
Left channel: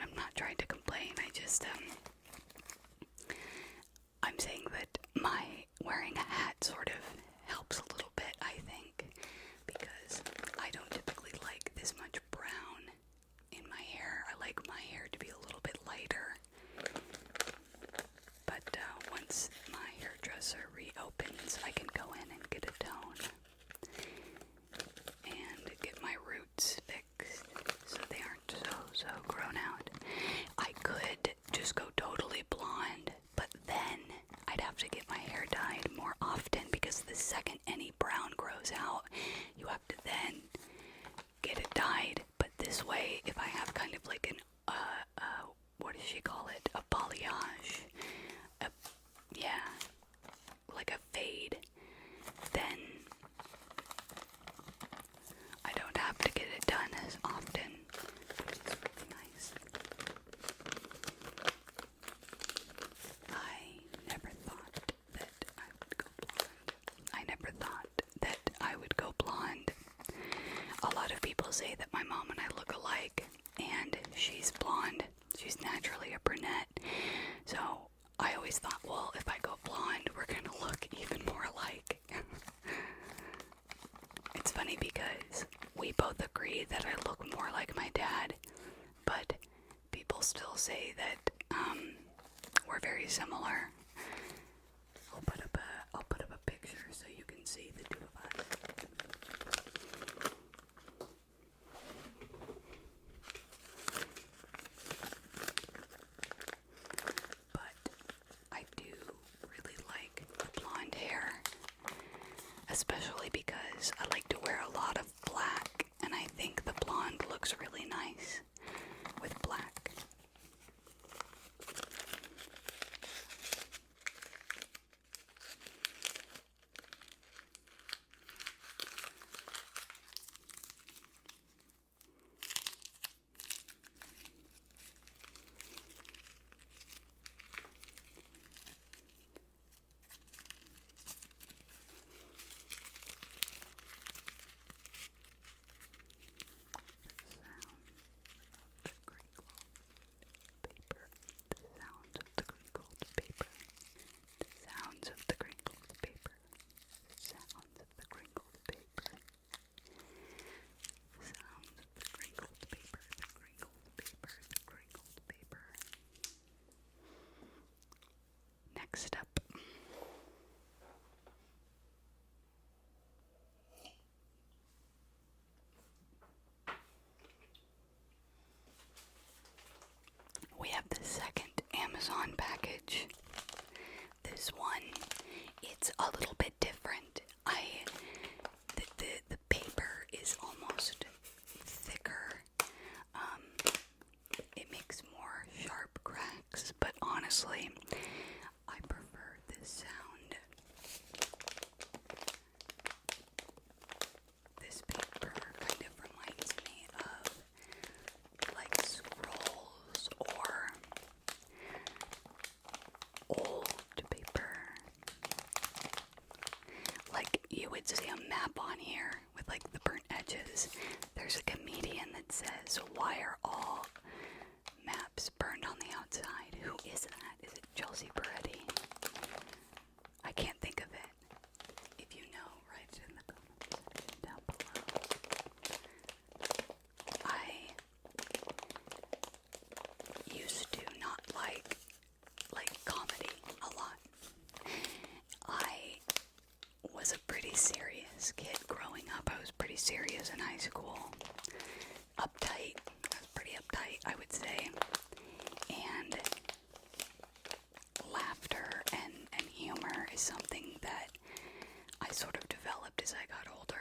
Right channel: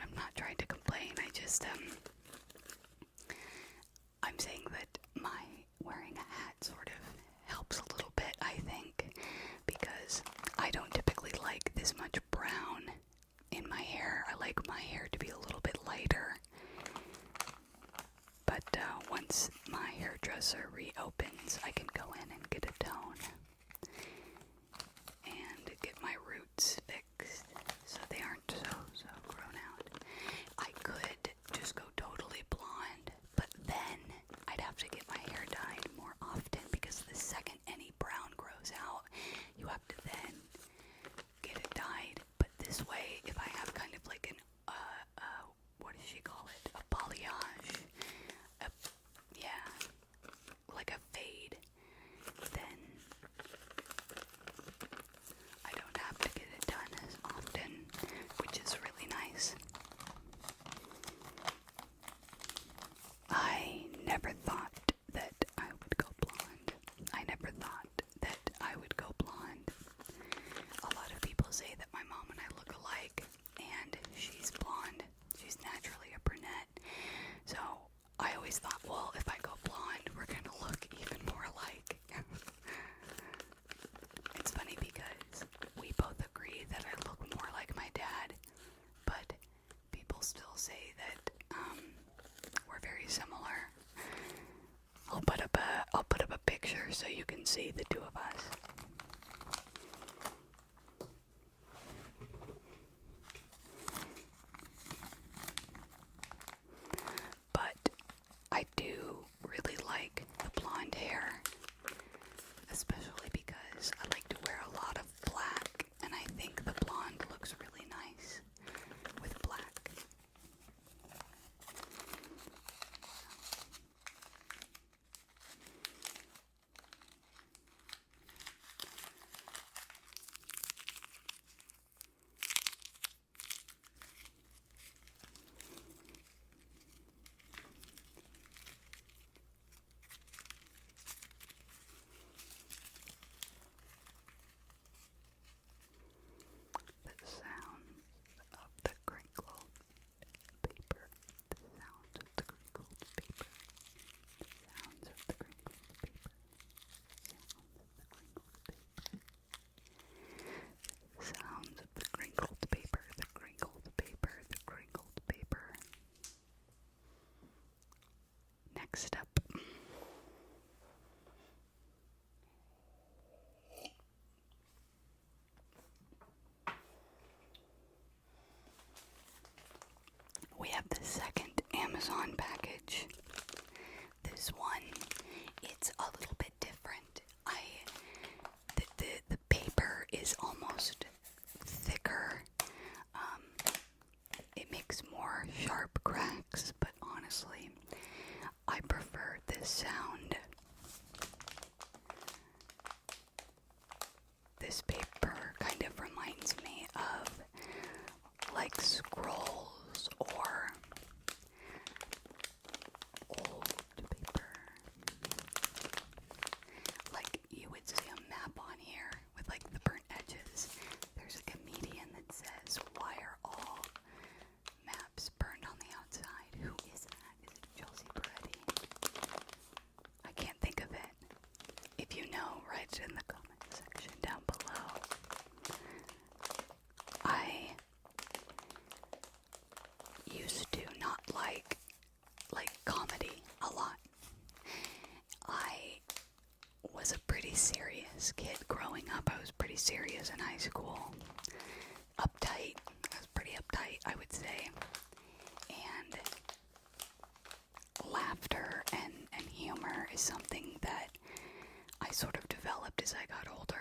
I'm not trying to complain. I'm saying that my wearing a hat sort of helps a little bit, I think, because I don't typically like this much brown in my hair. I like my hair to be a little bit lighter. But once my hairdresser reopens, I can go in and get a tone and get my roots fixed so they aren't so grown out. I could just go totally blonde, but then I'd have to get my hair dyed more often because the second any brown grows out, you have to then get it dyed. But this way, if I have kind of like an, what does she call it? A balayage. Yeah, like a fade. Then I don't have to get it done as often, which is really nice. I never thought that I would go blonde. I never thought that I would go blonde. A lot of people say that my mom and I look alike, and she's blonde. She's naturally a brunette. So I always thought, well, if I go blonde, we're gonna look even more alike. It's funny because we both agree that I look more like my dad, but people still say that we're very similar. I'll put up a picture so you can see the two of us. But I do really like the blonde hair, especially because I like to wear a lot of black, and I think the blonde looks really nice with black. Next up, we have the second Amazon package. This one, it's a little bit different. The paper is almost thicker. It makes more sharp cracks, but honestly, I prefer this sound. This paper kind of reminds me of like scrolls or old paper. Like you would see a map on here with like the burnt edges. There's a comedian that says, "Why are all maps burned on the outside?" Who is that? Is it Chelsea Peretti? I can't think of it. If you know, write it in the comment section down below. pretty serious in high school. Uptight. I was pretty uptight, I would say. And laughter and humor is something that I sort of developed as I got older.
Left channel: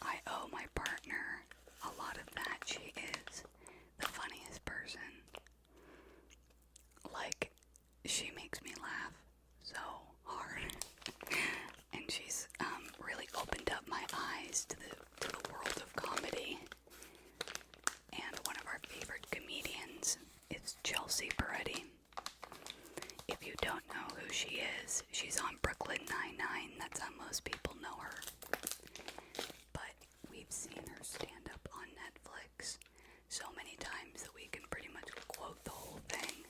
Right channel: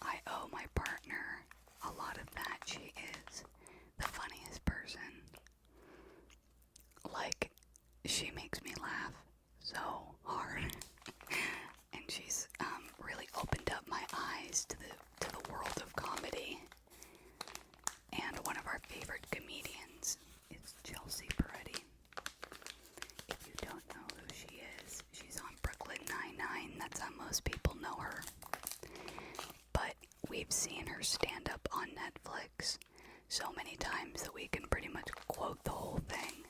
I owe my partner a lot of that. She is the funniest person. Like, she makes me laugh so hard. And she's really opened up my eyes to the world of comedy. And one of our favorite comedians is Chelsea Peretti. If you don't know who she is, she's on Brooklyn Nine-Nine. That's how most people know her. But we've seen her stand up on Netflix so many times that we can pretty much quote the whole thing.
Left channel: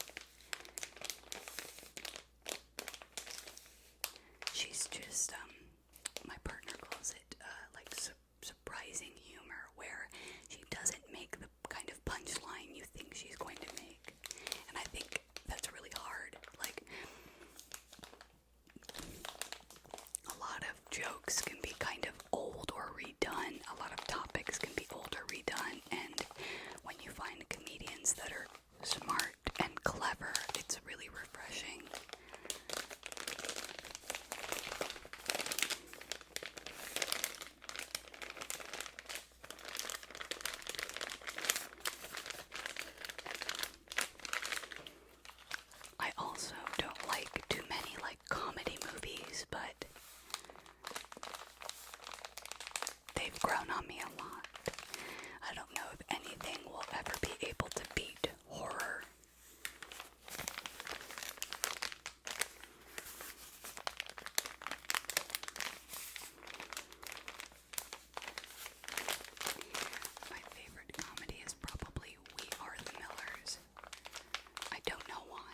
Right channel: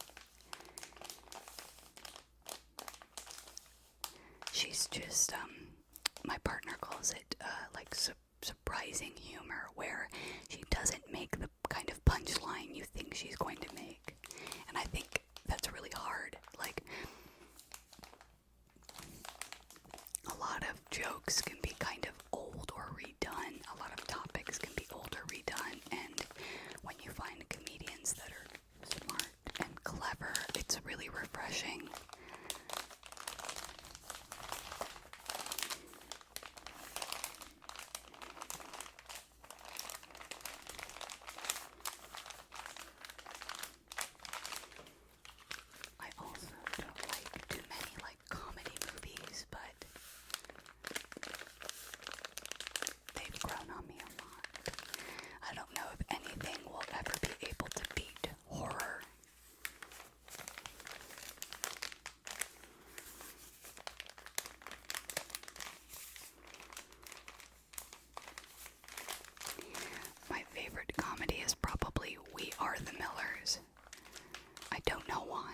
She's just, my partner calls it, like surprising humor, where she doesn't make the kind of punchline you think she's going to make. And I think that's really hard. Like, a lot of jokes can be kind of old or redone. A lot of topics can be old or redone. And when you find comedians that are smart and clever, it's really refreshing. I also don't like too many comedy movies, but they've grown on me a lot. I don't know if anything will ever be able to beat horror. My favorite comedy is probably We Are the Millers. I don't know why.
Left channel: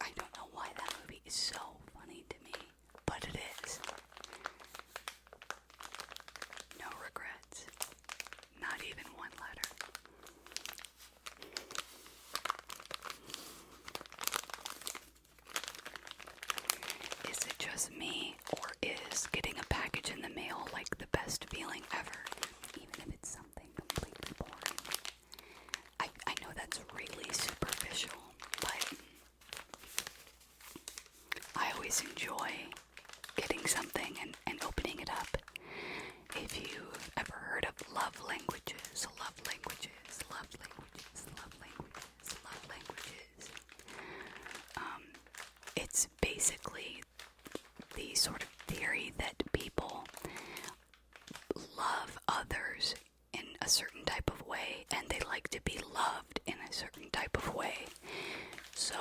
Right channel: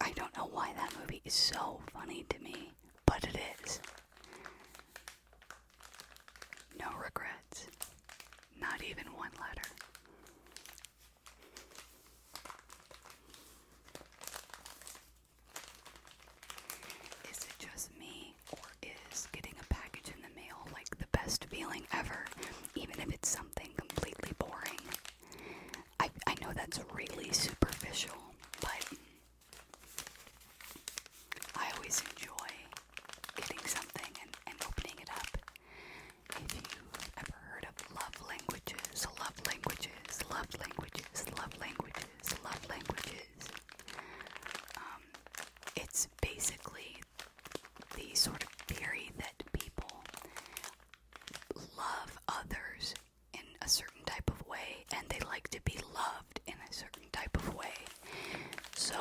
I don't know why that movie is so funny to me, but it is. No regrets. Not even one letter. Is it just me, or is getting a package in the mail like the best feeling ever, even if it's something completely boring? I know that's really superficial, but I always enjoy getting something and opening it up. If you've ever heard of love languages, love languages, love languages, love languages, love languages, it's basically the sort of theory that people love others in a certain type of way, and they like to be loved in a certain type of way. So,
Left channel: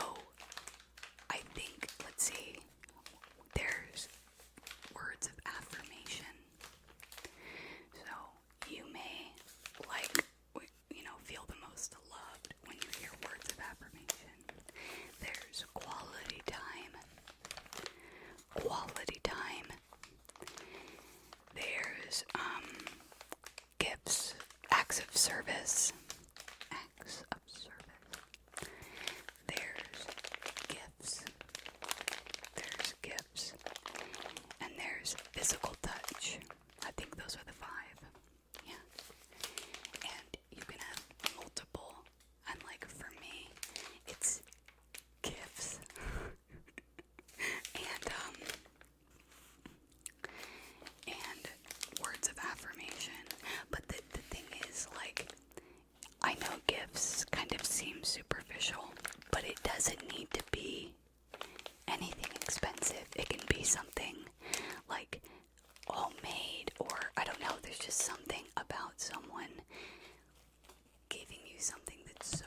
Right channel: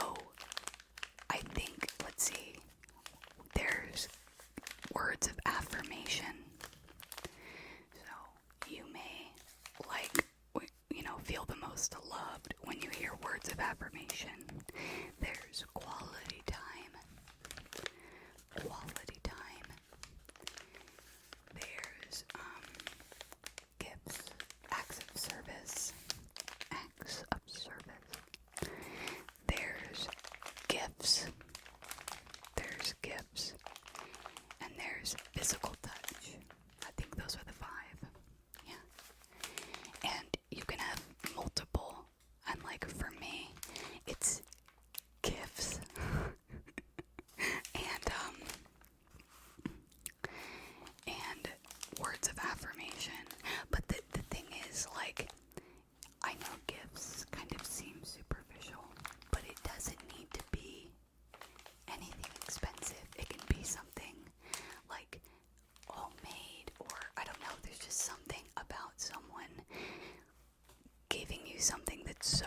I think, let's see, there's words of affirmation. So, you may feel the most loved when you hear words of affirmation. There's quality time. Quality time. There's gifts, acts of service. Acts of service. There's gifts. There's gifts. And there's physical touch. I think those are the 5. Yeah. And you can have multiple. And for me, it's gifts. and words of affirmation. But the thing is, I know gifts kind of seem superficial, but it doesn't need to be anything expensive. It can be something homemade, or I don't know, there's just something about someone giving you something that's so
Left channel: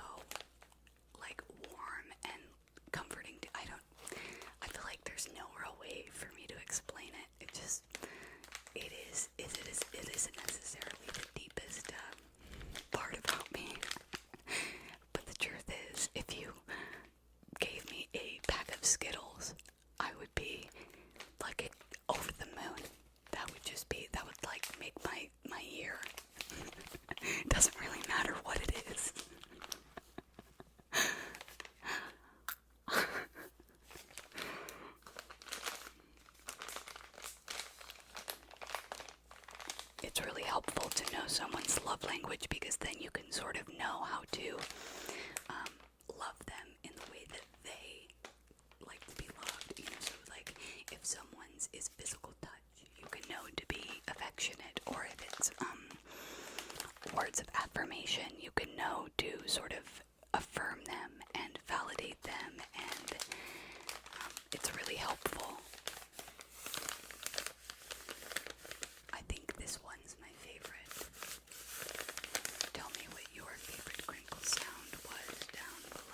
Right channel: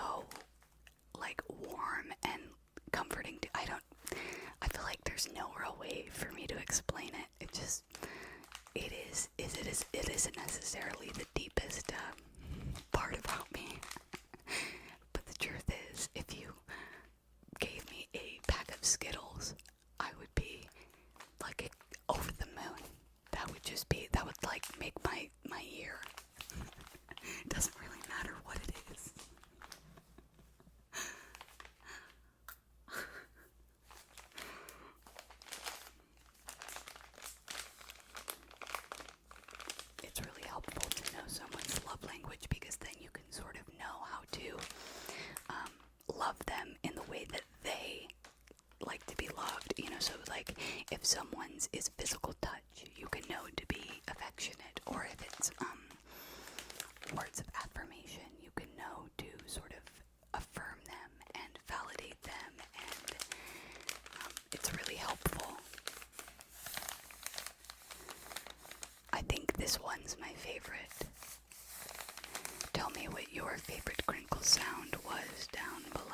warm and comforting. I feel like there's no real way for me to explain it. It isn't necessarily the deepest part about me. But the truth is, if you gave me a pack of Skittles, I would be over the moon. That would make my year. It doesn't really matter what it is. helpful to know someone's love language, because then you can sort of know how to love them in the way that they like to be loved, you know. So like if someone's is physical touch, you can know to be affectionate, or if it's words of affirmation, you can know to sort of affirm them and validate them, and it's really helpful. I think this one's my favorite. Tell me what your favorite crinkle sound was down below.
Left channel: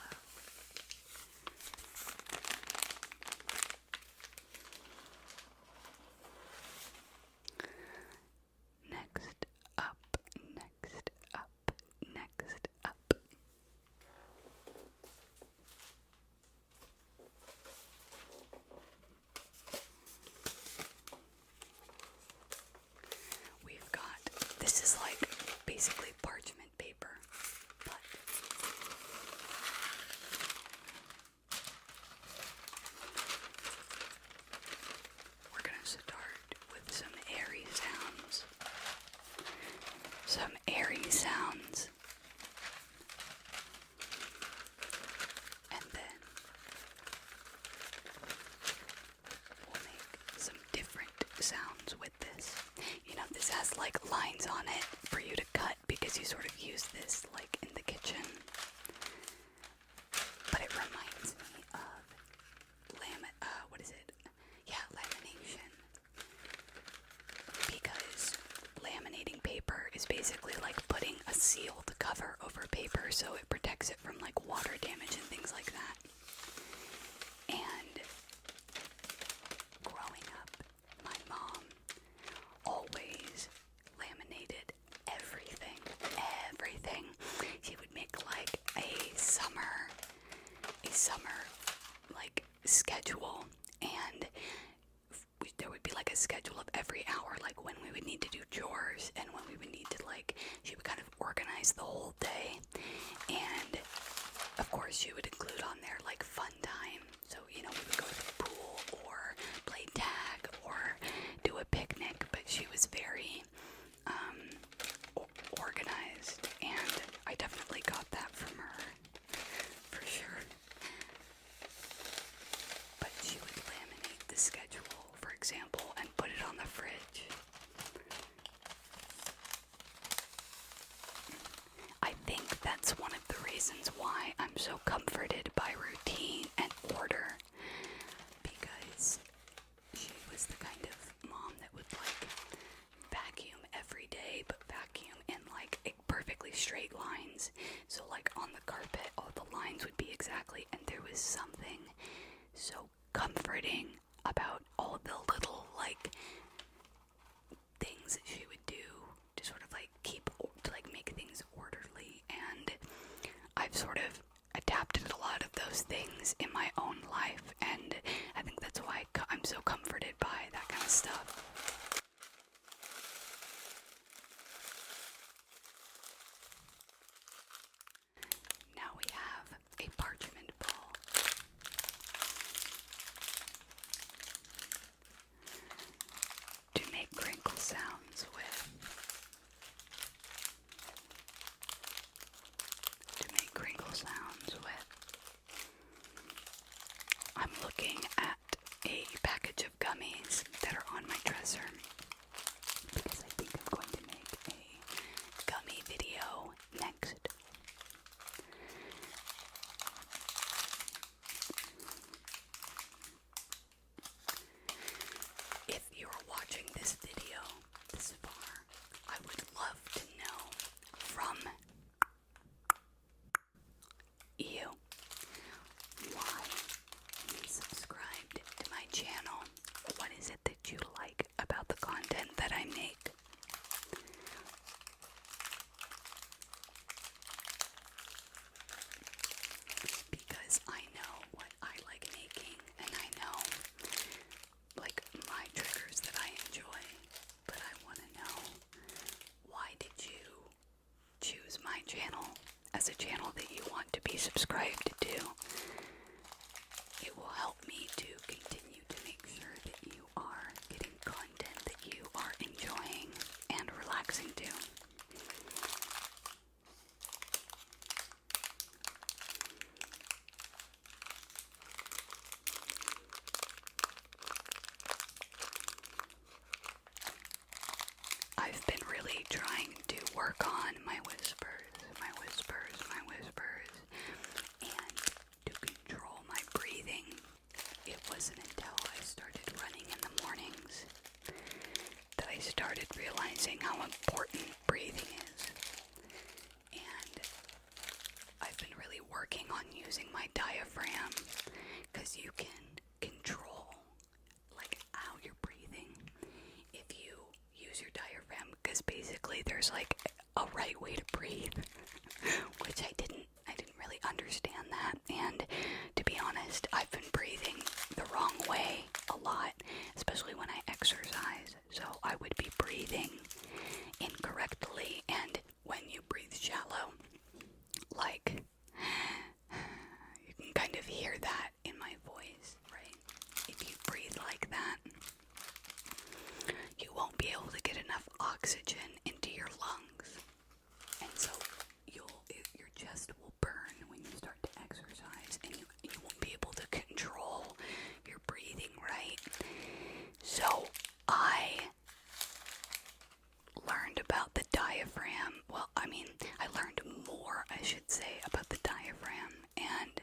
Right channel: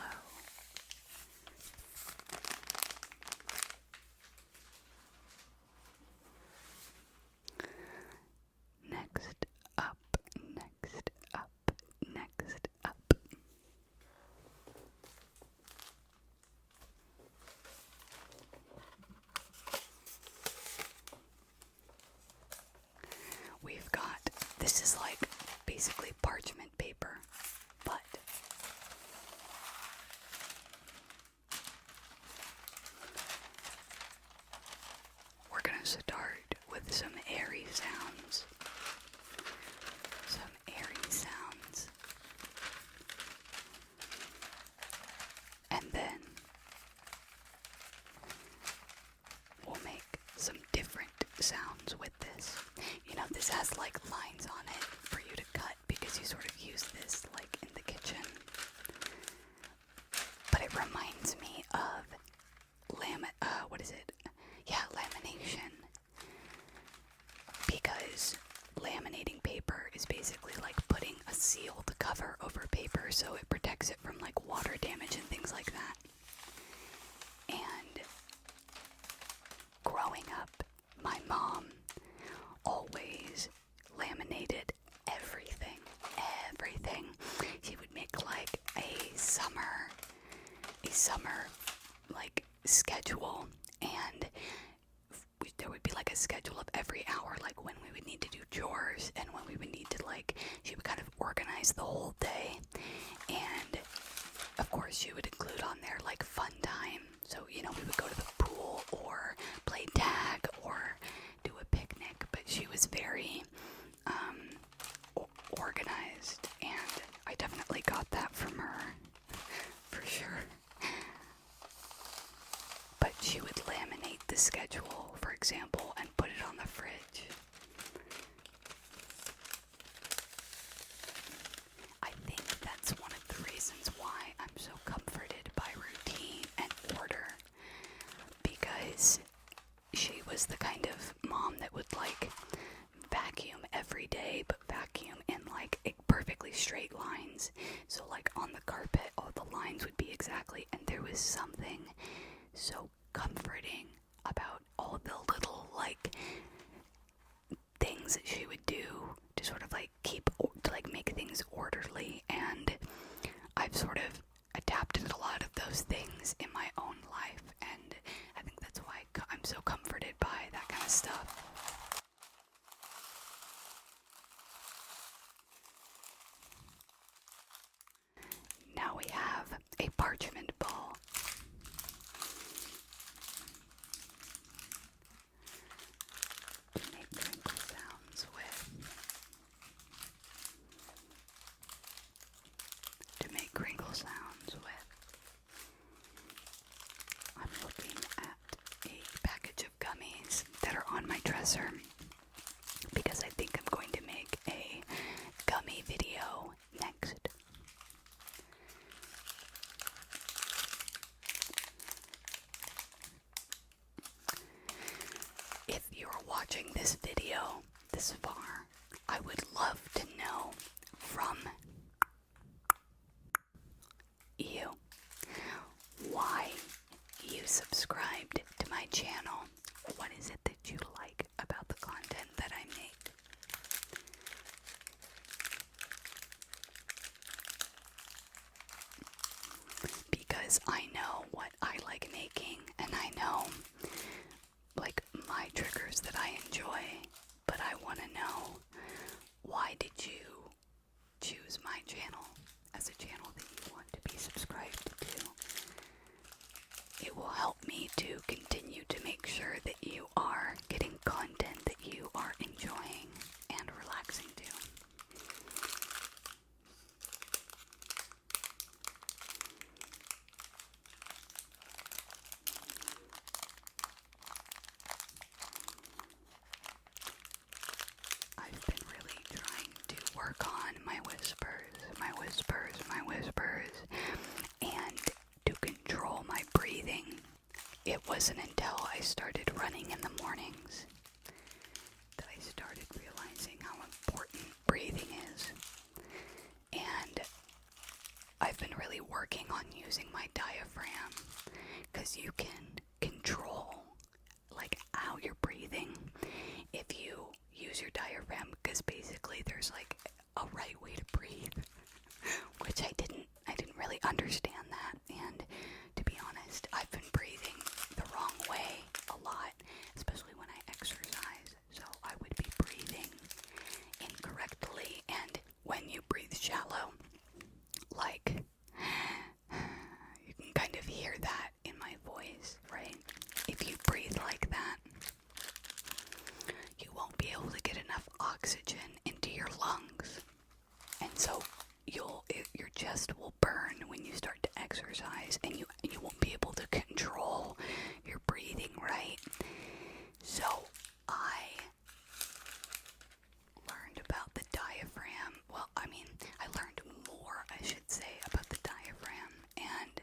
Next up, next up, next up. We've got, this is like basically parchment paper, but we're gonna start with some airy sounds. Some airy sounds. And then we'll make some different sounds with this. You know, this has like lines on it for you to cut, because you sort of use this like in the kitchen. But it reminds me of lamination. Because laminating paper is basically like putting a sealed cover over paper, so it protects it from like water damage and things like that. And growing up, my mom always laminated everything. She would make like a summer like schedule, and there would be like a schedule of every hour, like when we would need to do chores and when we would need to like, she would kind of organize the whole day. And of course she would include on there like fun time. So, you know, we would go to the pool or play tag or do a picnic, but she was very organized, and I definitely got that from her, for sure. But she would laminate the schedule, for example, and put it on the fridge. I think that's one of the reasons why I'm so comforted by routine and order, because she was the kind of mom that would like vacuum every day, but vacuum in like perfectly straight lines. So like on the carpet, all the lines would be exactly, and there was something so comforting about all the little like things that she would do to sort of like make things orderly. And I've sort of adapted a lot of those things in my own life, and I think that's why I'm so comforted by that kind of stuff. Now we have a parchment ball. To make crinkle sounds with. I'm looking at a package of gummies that are on my dresser, because I think I'm going to make a gummy video next. If you're watching this video this far, I would love to know from you why you subscribed to my channel. What is it that you like about the content that I make? Because I know what I like making, and I know like my triggers that I enjoy, but I want to know, why did you choose my channel as a channel that you want to be subscribed to? It will help me to continue to make sure that you wasn't until I started running in the mornings that I started realizing how important breathing is. And I've been really working on using my diaphragm, because you can control like how you're breathing if you use your diaphragm, because basically there's like a right way to breathe, which I didn't really understand that. And to be honest, I've been breathing the wrong way a lot, especially when I exercise. So I would be breathing incorrectly, and when you breathe shallow, like, you can kind of hear that in my voice, right? If you breathe like that, you won't be able to get enough oxygen into your lungs, and so your chest will burn when you start to exercise, and you won't be able to control your breathing, right? So I learned about the diaphragm. Well, I learned more, I should say, about the diaphragm. And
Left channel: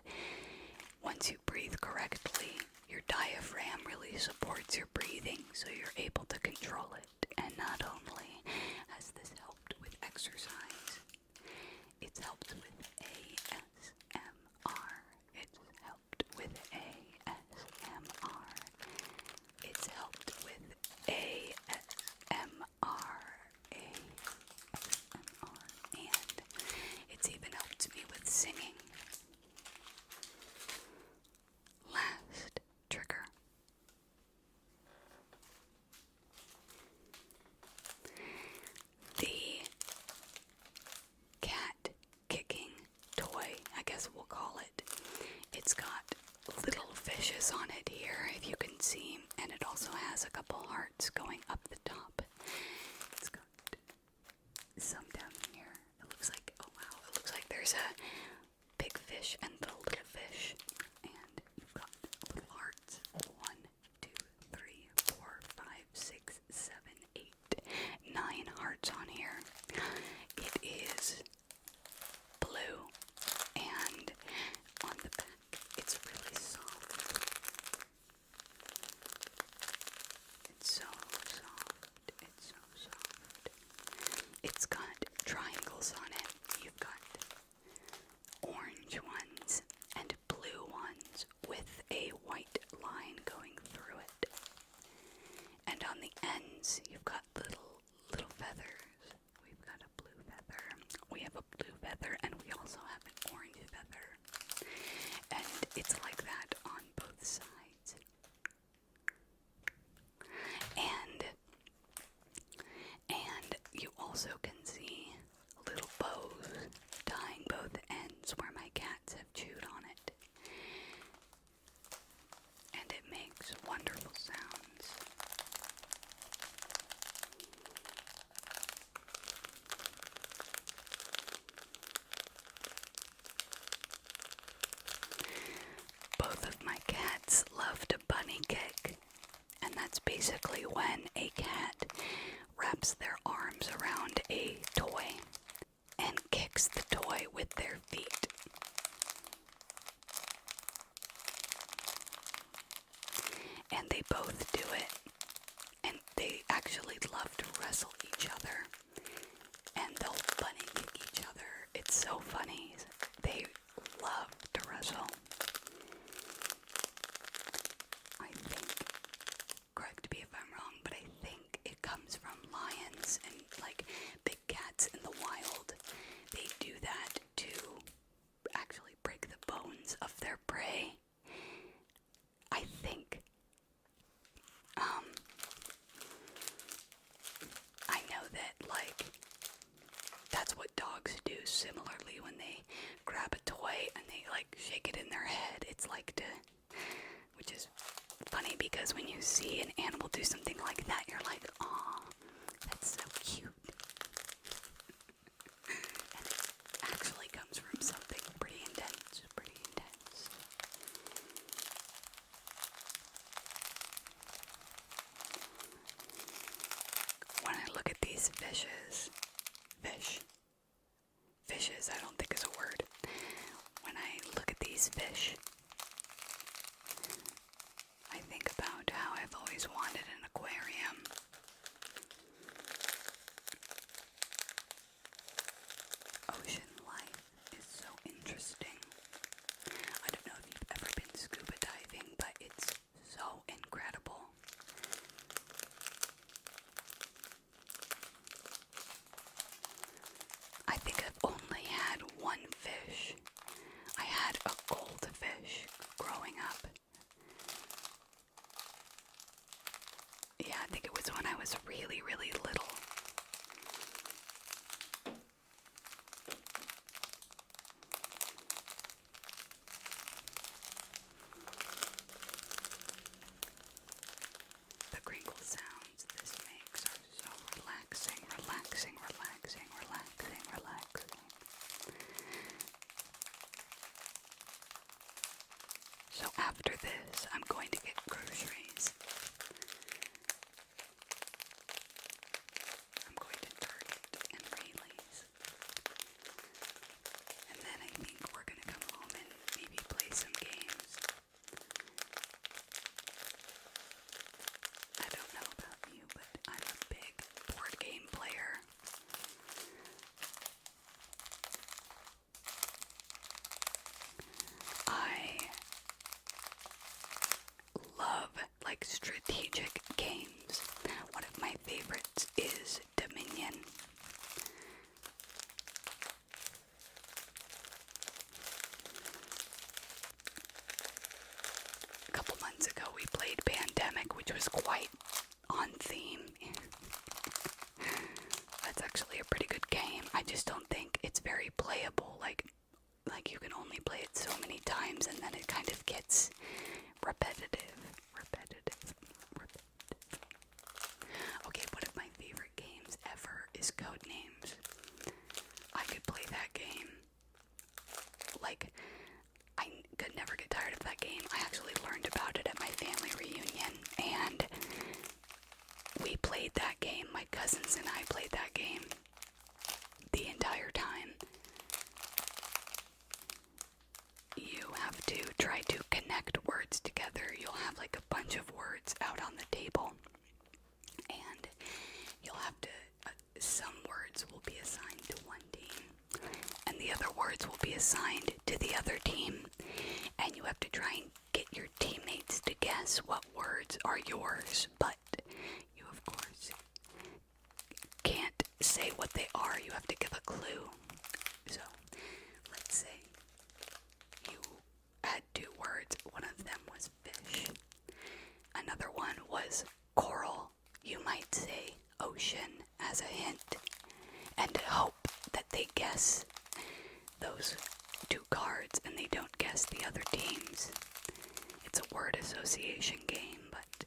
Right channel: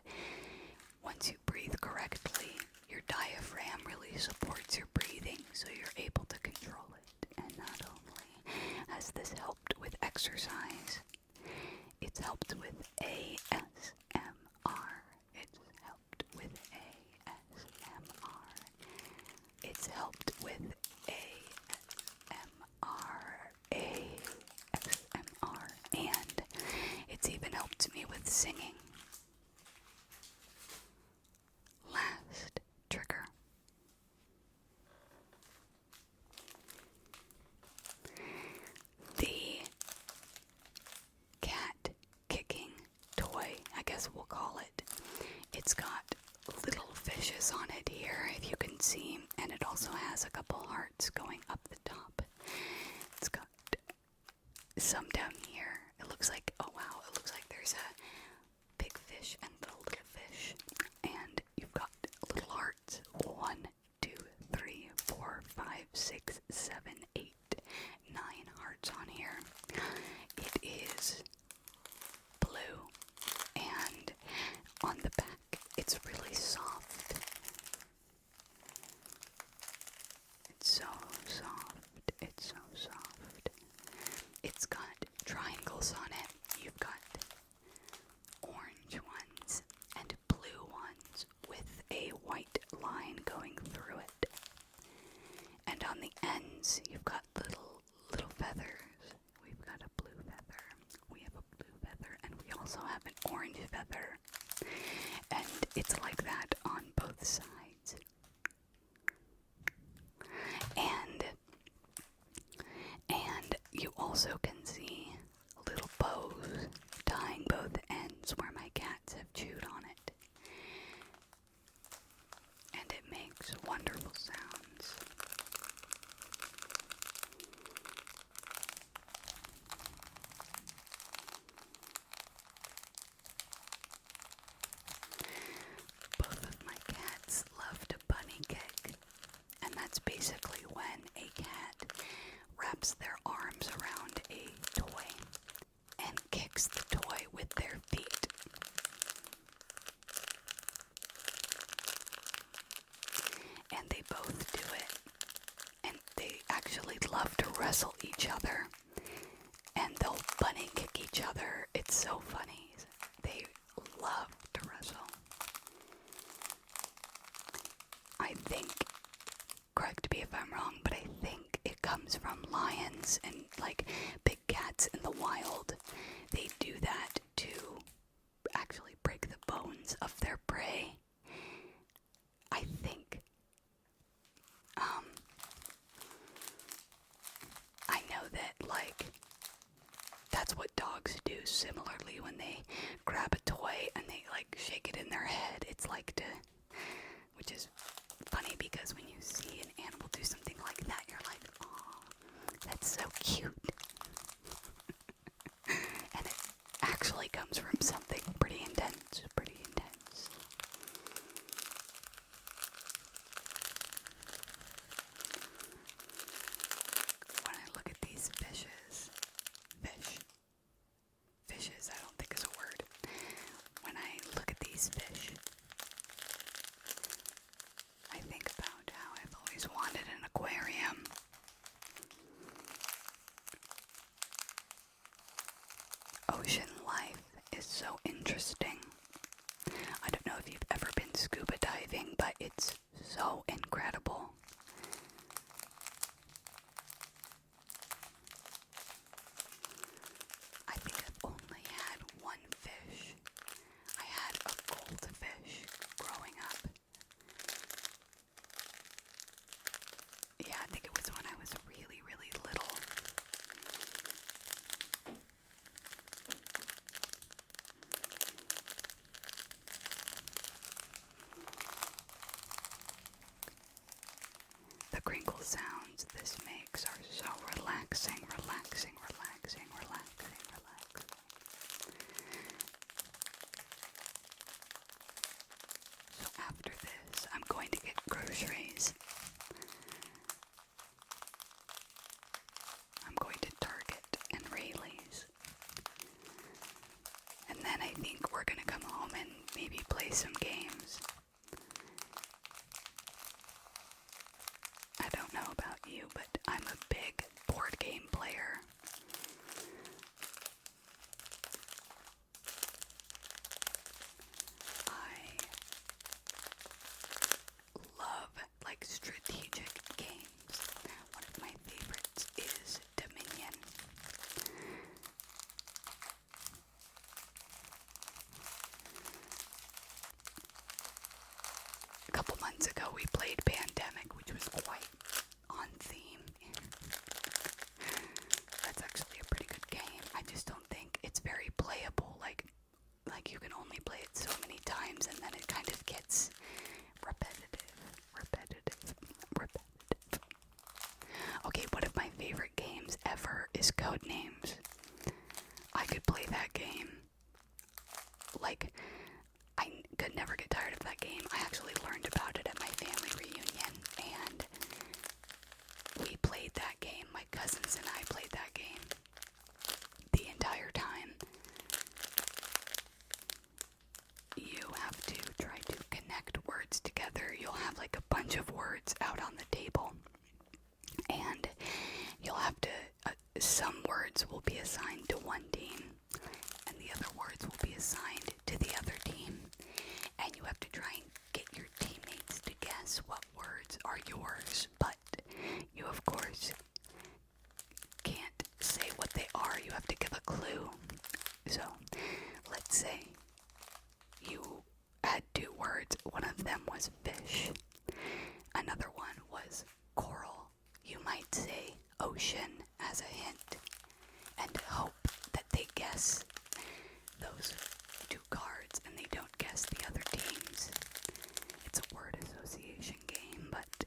once you breathe correctly, your diaphragm really supports your breathing, so you're able to control it. And not only has this helped with exercise, it's helped with ASMR. It's helped with ASMR. It's helped with ASMR. And it's even helped me with singing. Last trigger. The cat kicking toy, I guess we'll call it. It's got little fishes on it here, if you can see, and it also has a couple hearts going up the top. It's got some down here. It looks like, oh wow, it looks like there's a big fish and the little fish, and you've got little hearts. 1, 2, 3, 4, 5, 6, 7, 8, 9 hearts on here. It is blue, and on the back it's really soft. It's so soft. It's so soft. It's got triangles on it. You've got orange ones and blue ones with a white line going through it. And on the ends, you've got little feathers. We've got a blue feather. We have a blue feather, and we also have an orange feather. And it's like that on both sides. And you also can see little bows tying both ends where my cats have chewed on it. And it makes wonderful sounds. Both of my cats love to bunny kick, and that's basically when a cat wraps their arms around a toy and kicks the toy with their feet. And they both do it, and they actually love to wrestle each other, and they'll bunny kick each other. It's so funny. They love to wrestle. I think, correct me if I'm wrong, but I think it comes from lions and like big cats in the wild. They do that to actually break the bones of their prey. I think. I know that, like, that's what dogs do similarly when they grab a toy and they like shake it in their head. It's like which is funny because when you see an animal do something like that, you're like, aw, that's so cute. And it actually comes from something pretty intense, When I look at these fishes, I don't think is a word. When I look at these fish, relaxing, relaxing, relaxing, relaxing, relaxing. So after this, I'm going to get groceries. I'm going to Target and Rayleigh's. And then I think we're going to come home and maybe play some games. I don't know about you, but I'm a big board game player. I love like strategic games. One of my favorites is Dominion. A couple months ago we played Pandemic, which was quite on theme. That's actually a pretty good game. I just don't think it's very playable. Like you can only play it so many times and then it kind of gets repetitive. Okay, one of my favorite games ever is Codenames. I could play that game. Like, I could never get tired of that game. I actually learned about it at my family reunion, and we played that game. My cousins and I played that game the entire time. You have to try to connect words together. You'll have like a bunch of words out on the table, and you'll have to, some words will be assigned to one team, and the other words will be assigned to the other team, and you have to try and get your teammates to guess what words are yours, but you of course can't say what they are. You have to give a clue. So, let's say you had two words. One of them was fish. Another one was coral. You might say ocean as a hint, and hope that they guess those two cards and they don't guess the other teams. It's a word association game, but